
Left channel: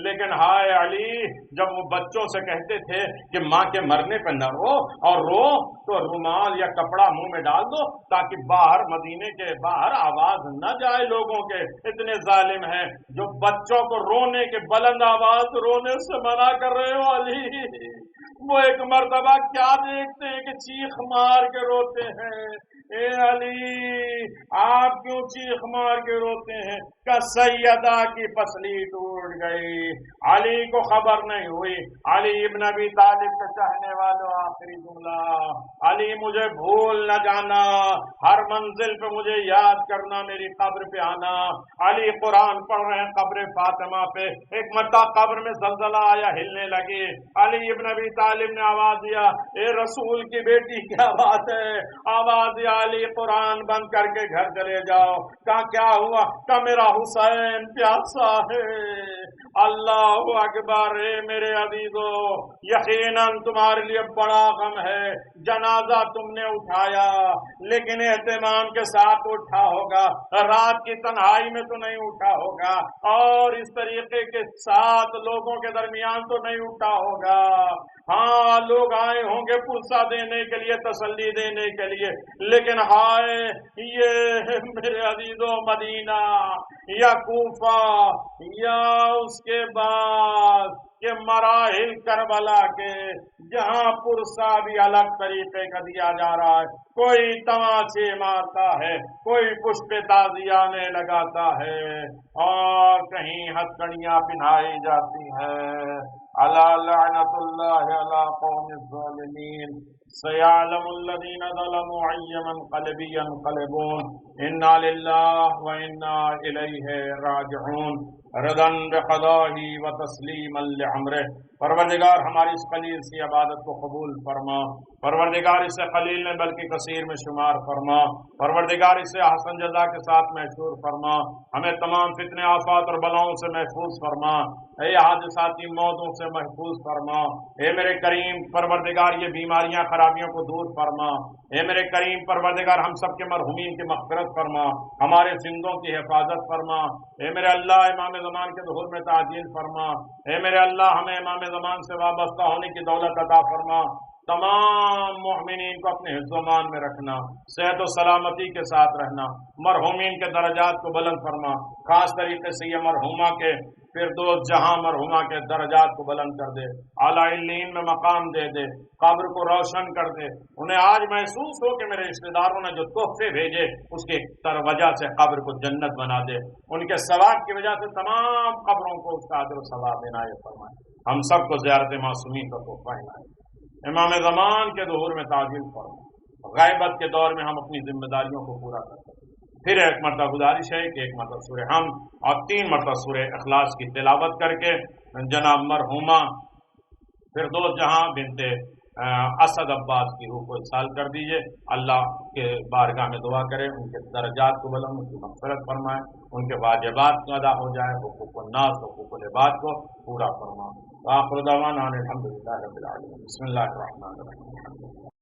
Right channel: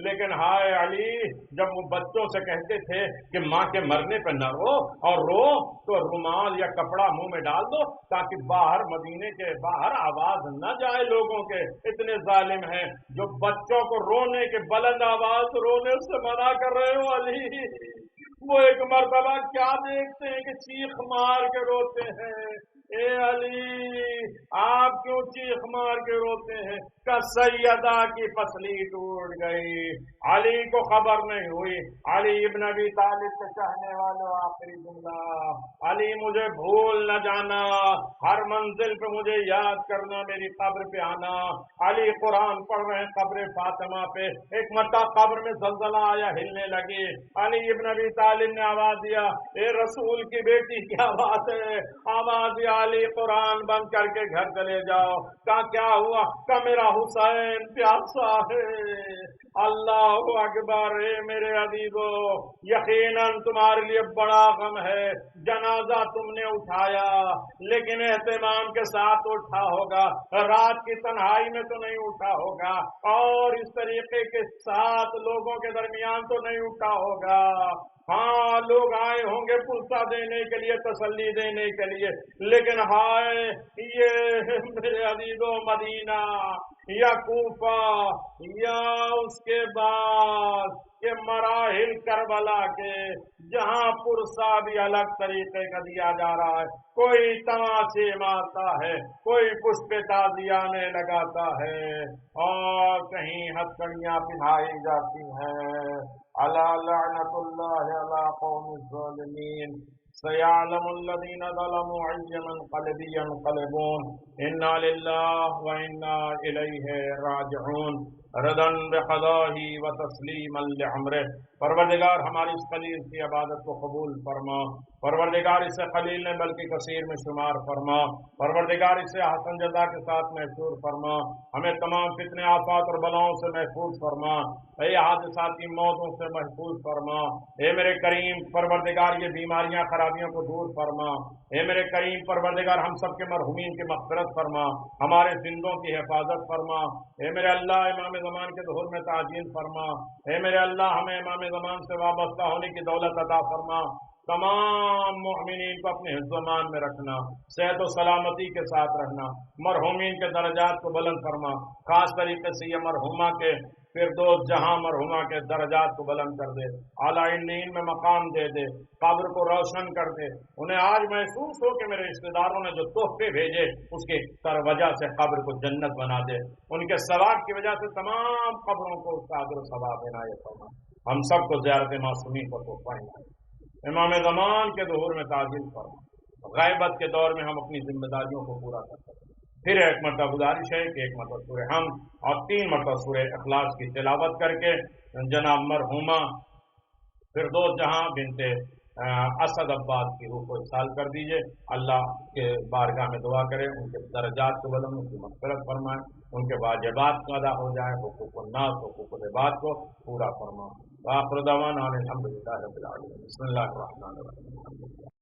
لیکن ہائے علی جب وہ بچوں سے کہتے تھے کہ ماں کے مرنے پہ نہ رو، اور رو تو رومال یا کپڑا منہ میں ڈال دو تاکہ باہر مدینے کے باہر آواز نہ جائے لوگوں کے، اتنے ظالم ہیں جو بچوں کو رونے کے بلند آواز رونے سے منع کر رہے ہو علی۔ وہ ایک مرتبہ کیا دیکھتے ہیں کہ چیخ مار کے روتے ہیں۔ اے علی آپ کیوں چیخ مار کے روتے ہیں؟ کہ سیدہ کی پسلی ٹوٹ گئی۔ علی کو خبر نہیں ہوئی۔ علی ابن ابی طالب کے چاہنے والوں آخری جملہ، علی مجھے بھول نہ جانا، ہر منزل پہ مجھے یاد کرنا، میری قبر پہ آنا۔ علی قرآن پڑھ رہے ہیں قبر فاطمہ پہ، ایک مرتبہ قبر میں زلزلہ آیا، ہلنے لگی۔ علی ابن ابی طالب نے آواز دیا اے رسول کی بیٹی کیا بات ہے؟ آواز دیا علی قرآن بند کر کے گھر چلے جاؤ۔ کہا کیا ہوا؟ کہ میرا حسین پیاسا ہے۔ اللہ اکبر۔ میرے عزیزو یقیناً تمہارے لیے بڑا غم ہے، جنازہ تم نے اٹھایا لیکن اہتمام کے ساتھ اٹھا ہوگا، رات کی تنہائی میں تو نہیں اٹھا ہوگا، اور اس طریقے کے ساتھ لوگوں کے درمیان تو نہیں اٹھا ہوگا۔ ہاں لوگ آئے ہوں گے پرسہ دینے کے لیے، تسلی دینے کے لیے، لیکن ہائے یہ میرے عزیزو مدینہ یا کوفہ یا اس کے بعد کہ مراحل کربلا کے جہاں پرسہ بھی الگ طریقے کا دیا جا رہا ہے، کوئی تماشے مارتا ہے، کوئی پشپ تازیانے لگاتا ہے، اور کہیں ہتھکڑیاں پہنائی جاتی ہیں۔ الا لعنت اللہ علی قوم الظالمین سیعلم الذین ظلموا ای منقلب ینقلبون انا للہ و انا الیہ راجعون ردا بقضائہ و تسلیما لعمرہ۔ پروردگار ہماری اس قلیل سی عبادت کو قبول فرما، پروردگار اسے قلیل نے بلکہ کثیر میں شمار فرما، پروردگار اسے حسن جزا کے ساتھ محشور فرما، ہمیں تمام فتنے آفات اور بلاؤں سے محفوظ فرما، اے حادثاتی موتوں سے محفوظ فرما، اے میرے کریم پروردگار یہ بیماریاں خرابیوں کو دور فرما، اے میرے کریم پروردگار ہم سب کے مرحومین کی مغفرت فرما، ہمارے زندوں کی حفاظت فرما، اے میرے اللہ امام زمان کے ظہور میں تعجیل فرما، اے میرے اللہ ہمیں امام زمان سے وابستہ ہونے کی دولت عطا فرما، تمام مومنین کو اپنے حفظ و امان میں رکھنا، صحت و سلامتی کے ساتھ رہنا، مرحومین کے درجات کو بلند فرما، خاص طریقے سے یہ مرحومہ کے فردوس جہاں مرحومہ کے درجات کو بلند کر دے، اعلیٰ علین میں مقام دے دے، قبر کو روشن کر دے، انہیں آج محسوس ہو کہ میرے رشتہ داروں نے جو تحفے بھیجے اس کی وجہ سے قبر کو جنت بنا دے، ان کے ثواب کی وجہ سے تمام قبروں کو اس کا اجر و ثواب عنایت فرمائے، ہم سب کو زیارت معصومین کا تحفہ عنایت، امام زمان کے ظہور میں تعجیل فرما، غیبت کے دور میں ہم اپنی ذمہ داریوں کو پورا کر سکیں، پھر ایک مرتبہ گزارش ہے کہ ایک مرتبہ سورہ حمد اور 3 مرتبہ سورہ اخلاص کی تلاوت کر کے جناب مرحومہ فردوس جہاں بنت اسد عباس کی روح کو اصال کر دیجئے. اللہ کے بارگاہ میں دعا کرے ان کے درجات کو بلند، ان کی مغفرت فرمائے، ان کے واجبات کو ادا ہو جائے، حقوق الناس حقوق العباد کو پورا فرمائے. وآخر دعوانا ان الحمد للہ رب العالمین. بسم اللہ الرحمن الرحیم.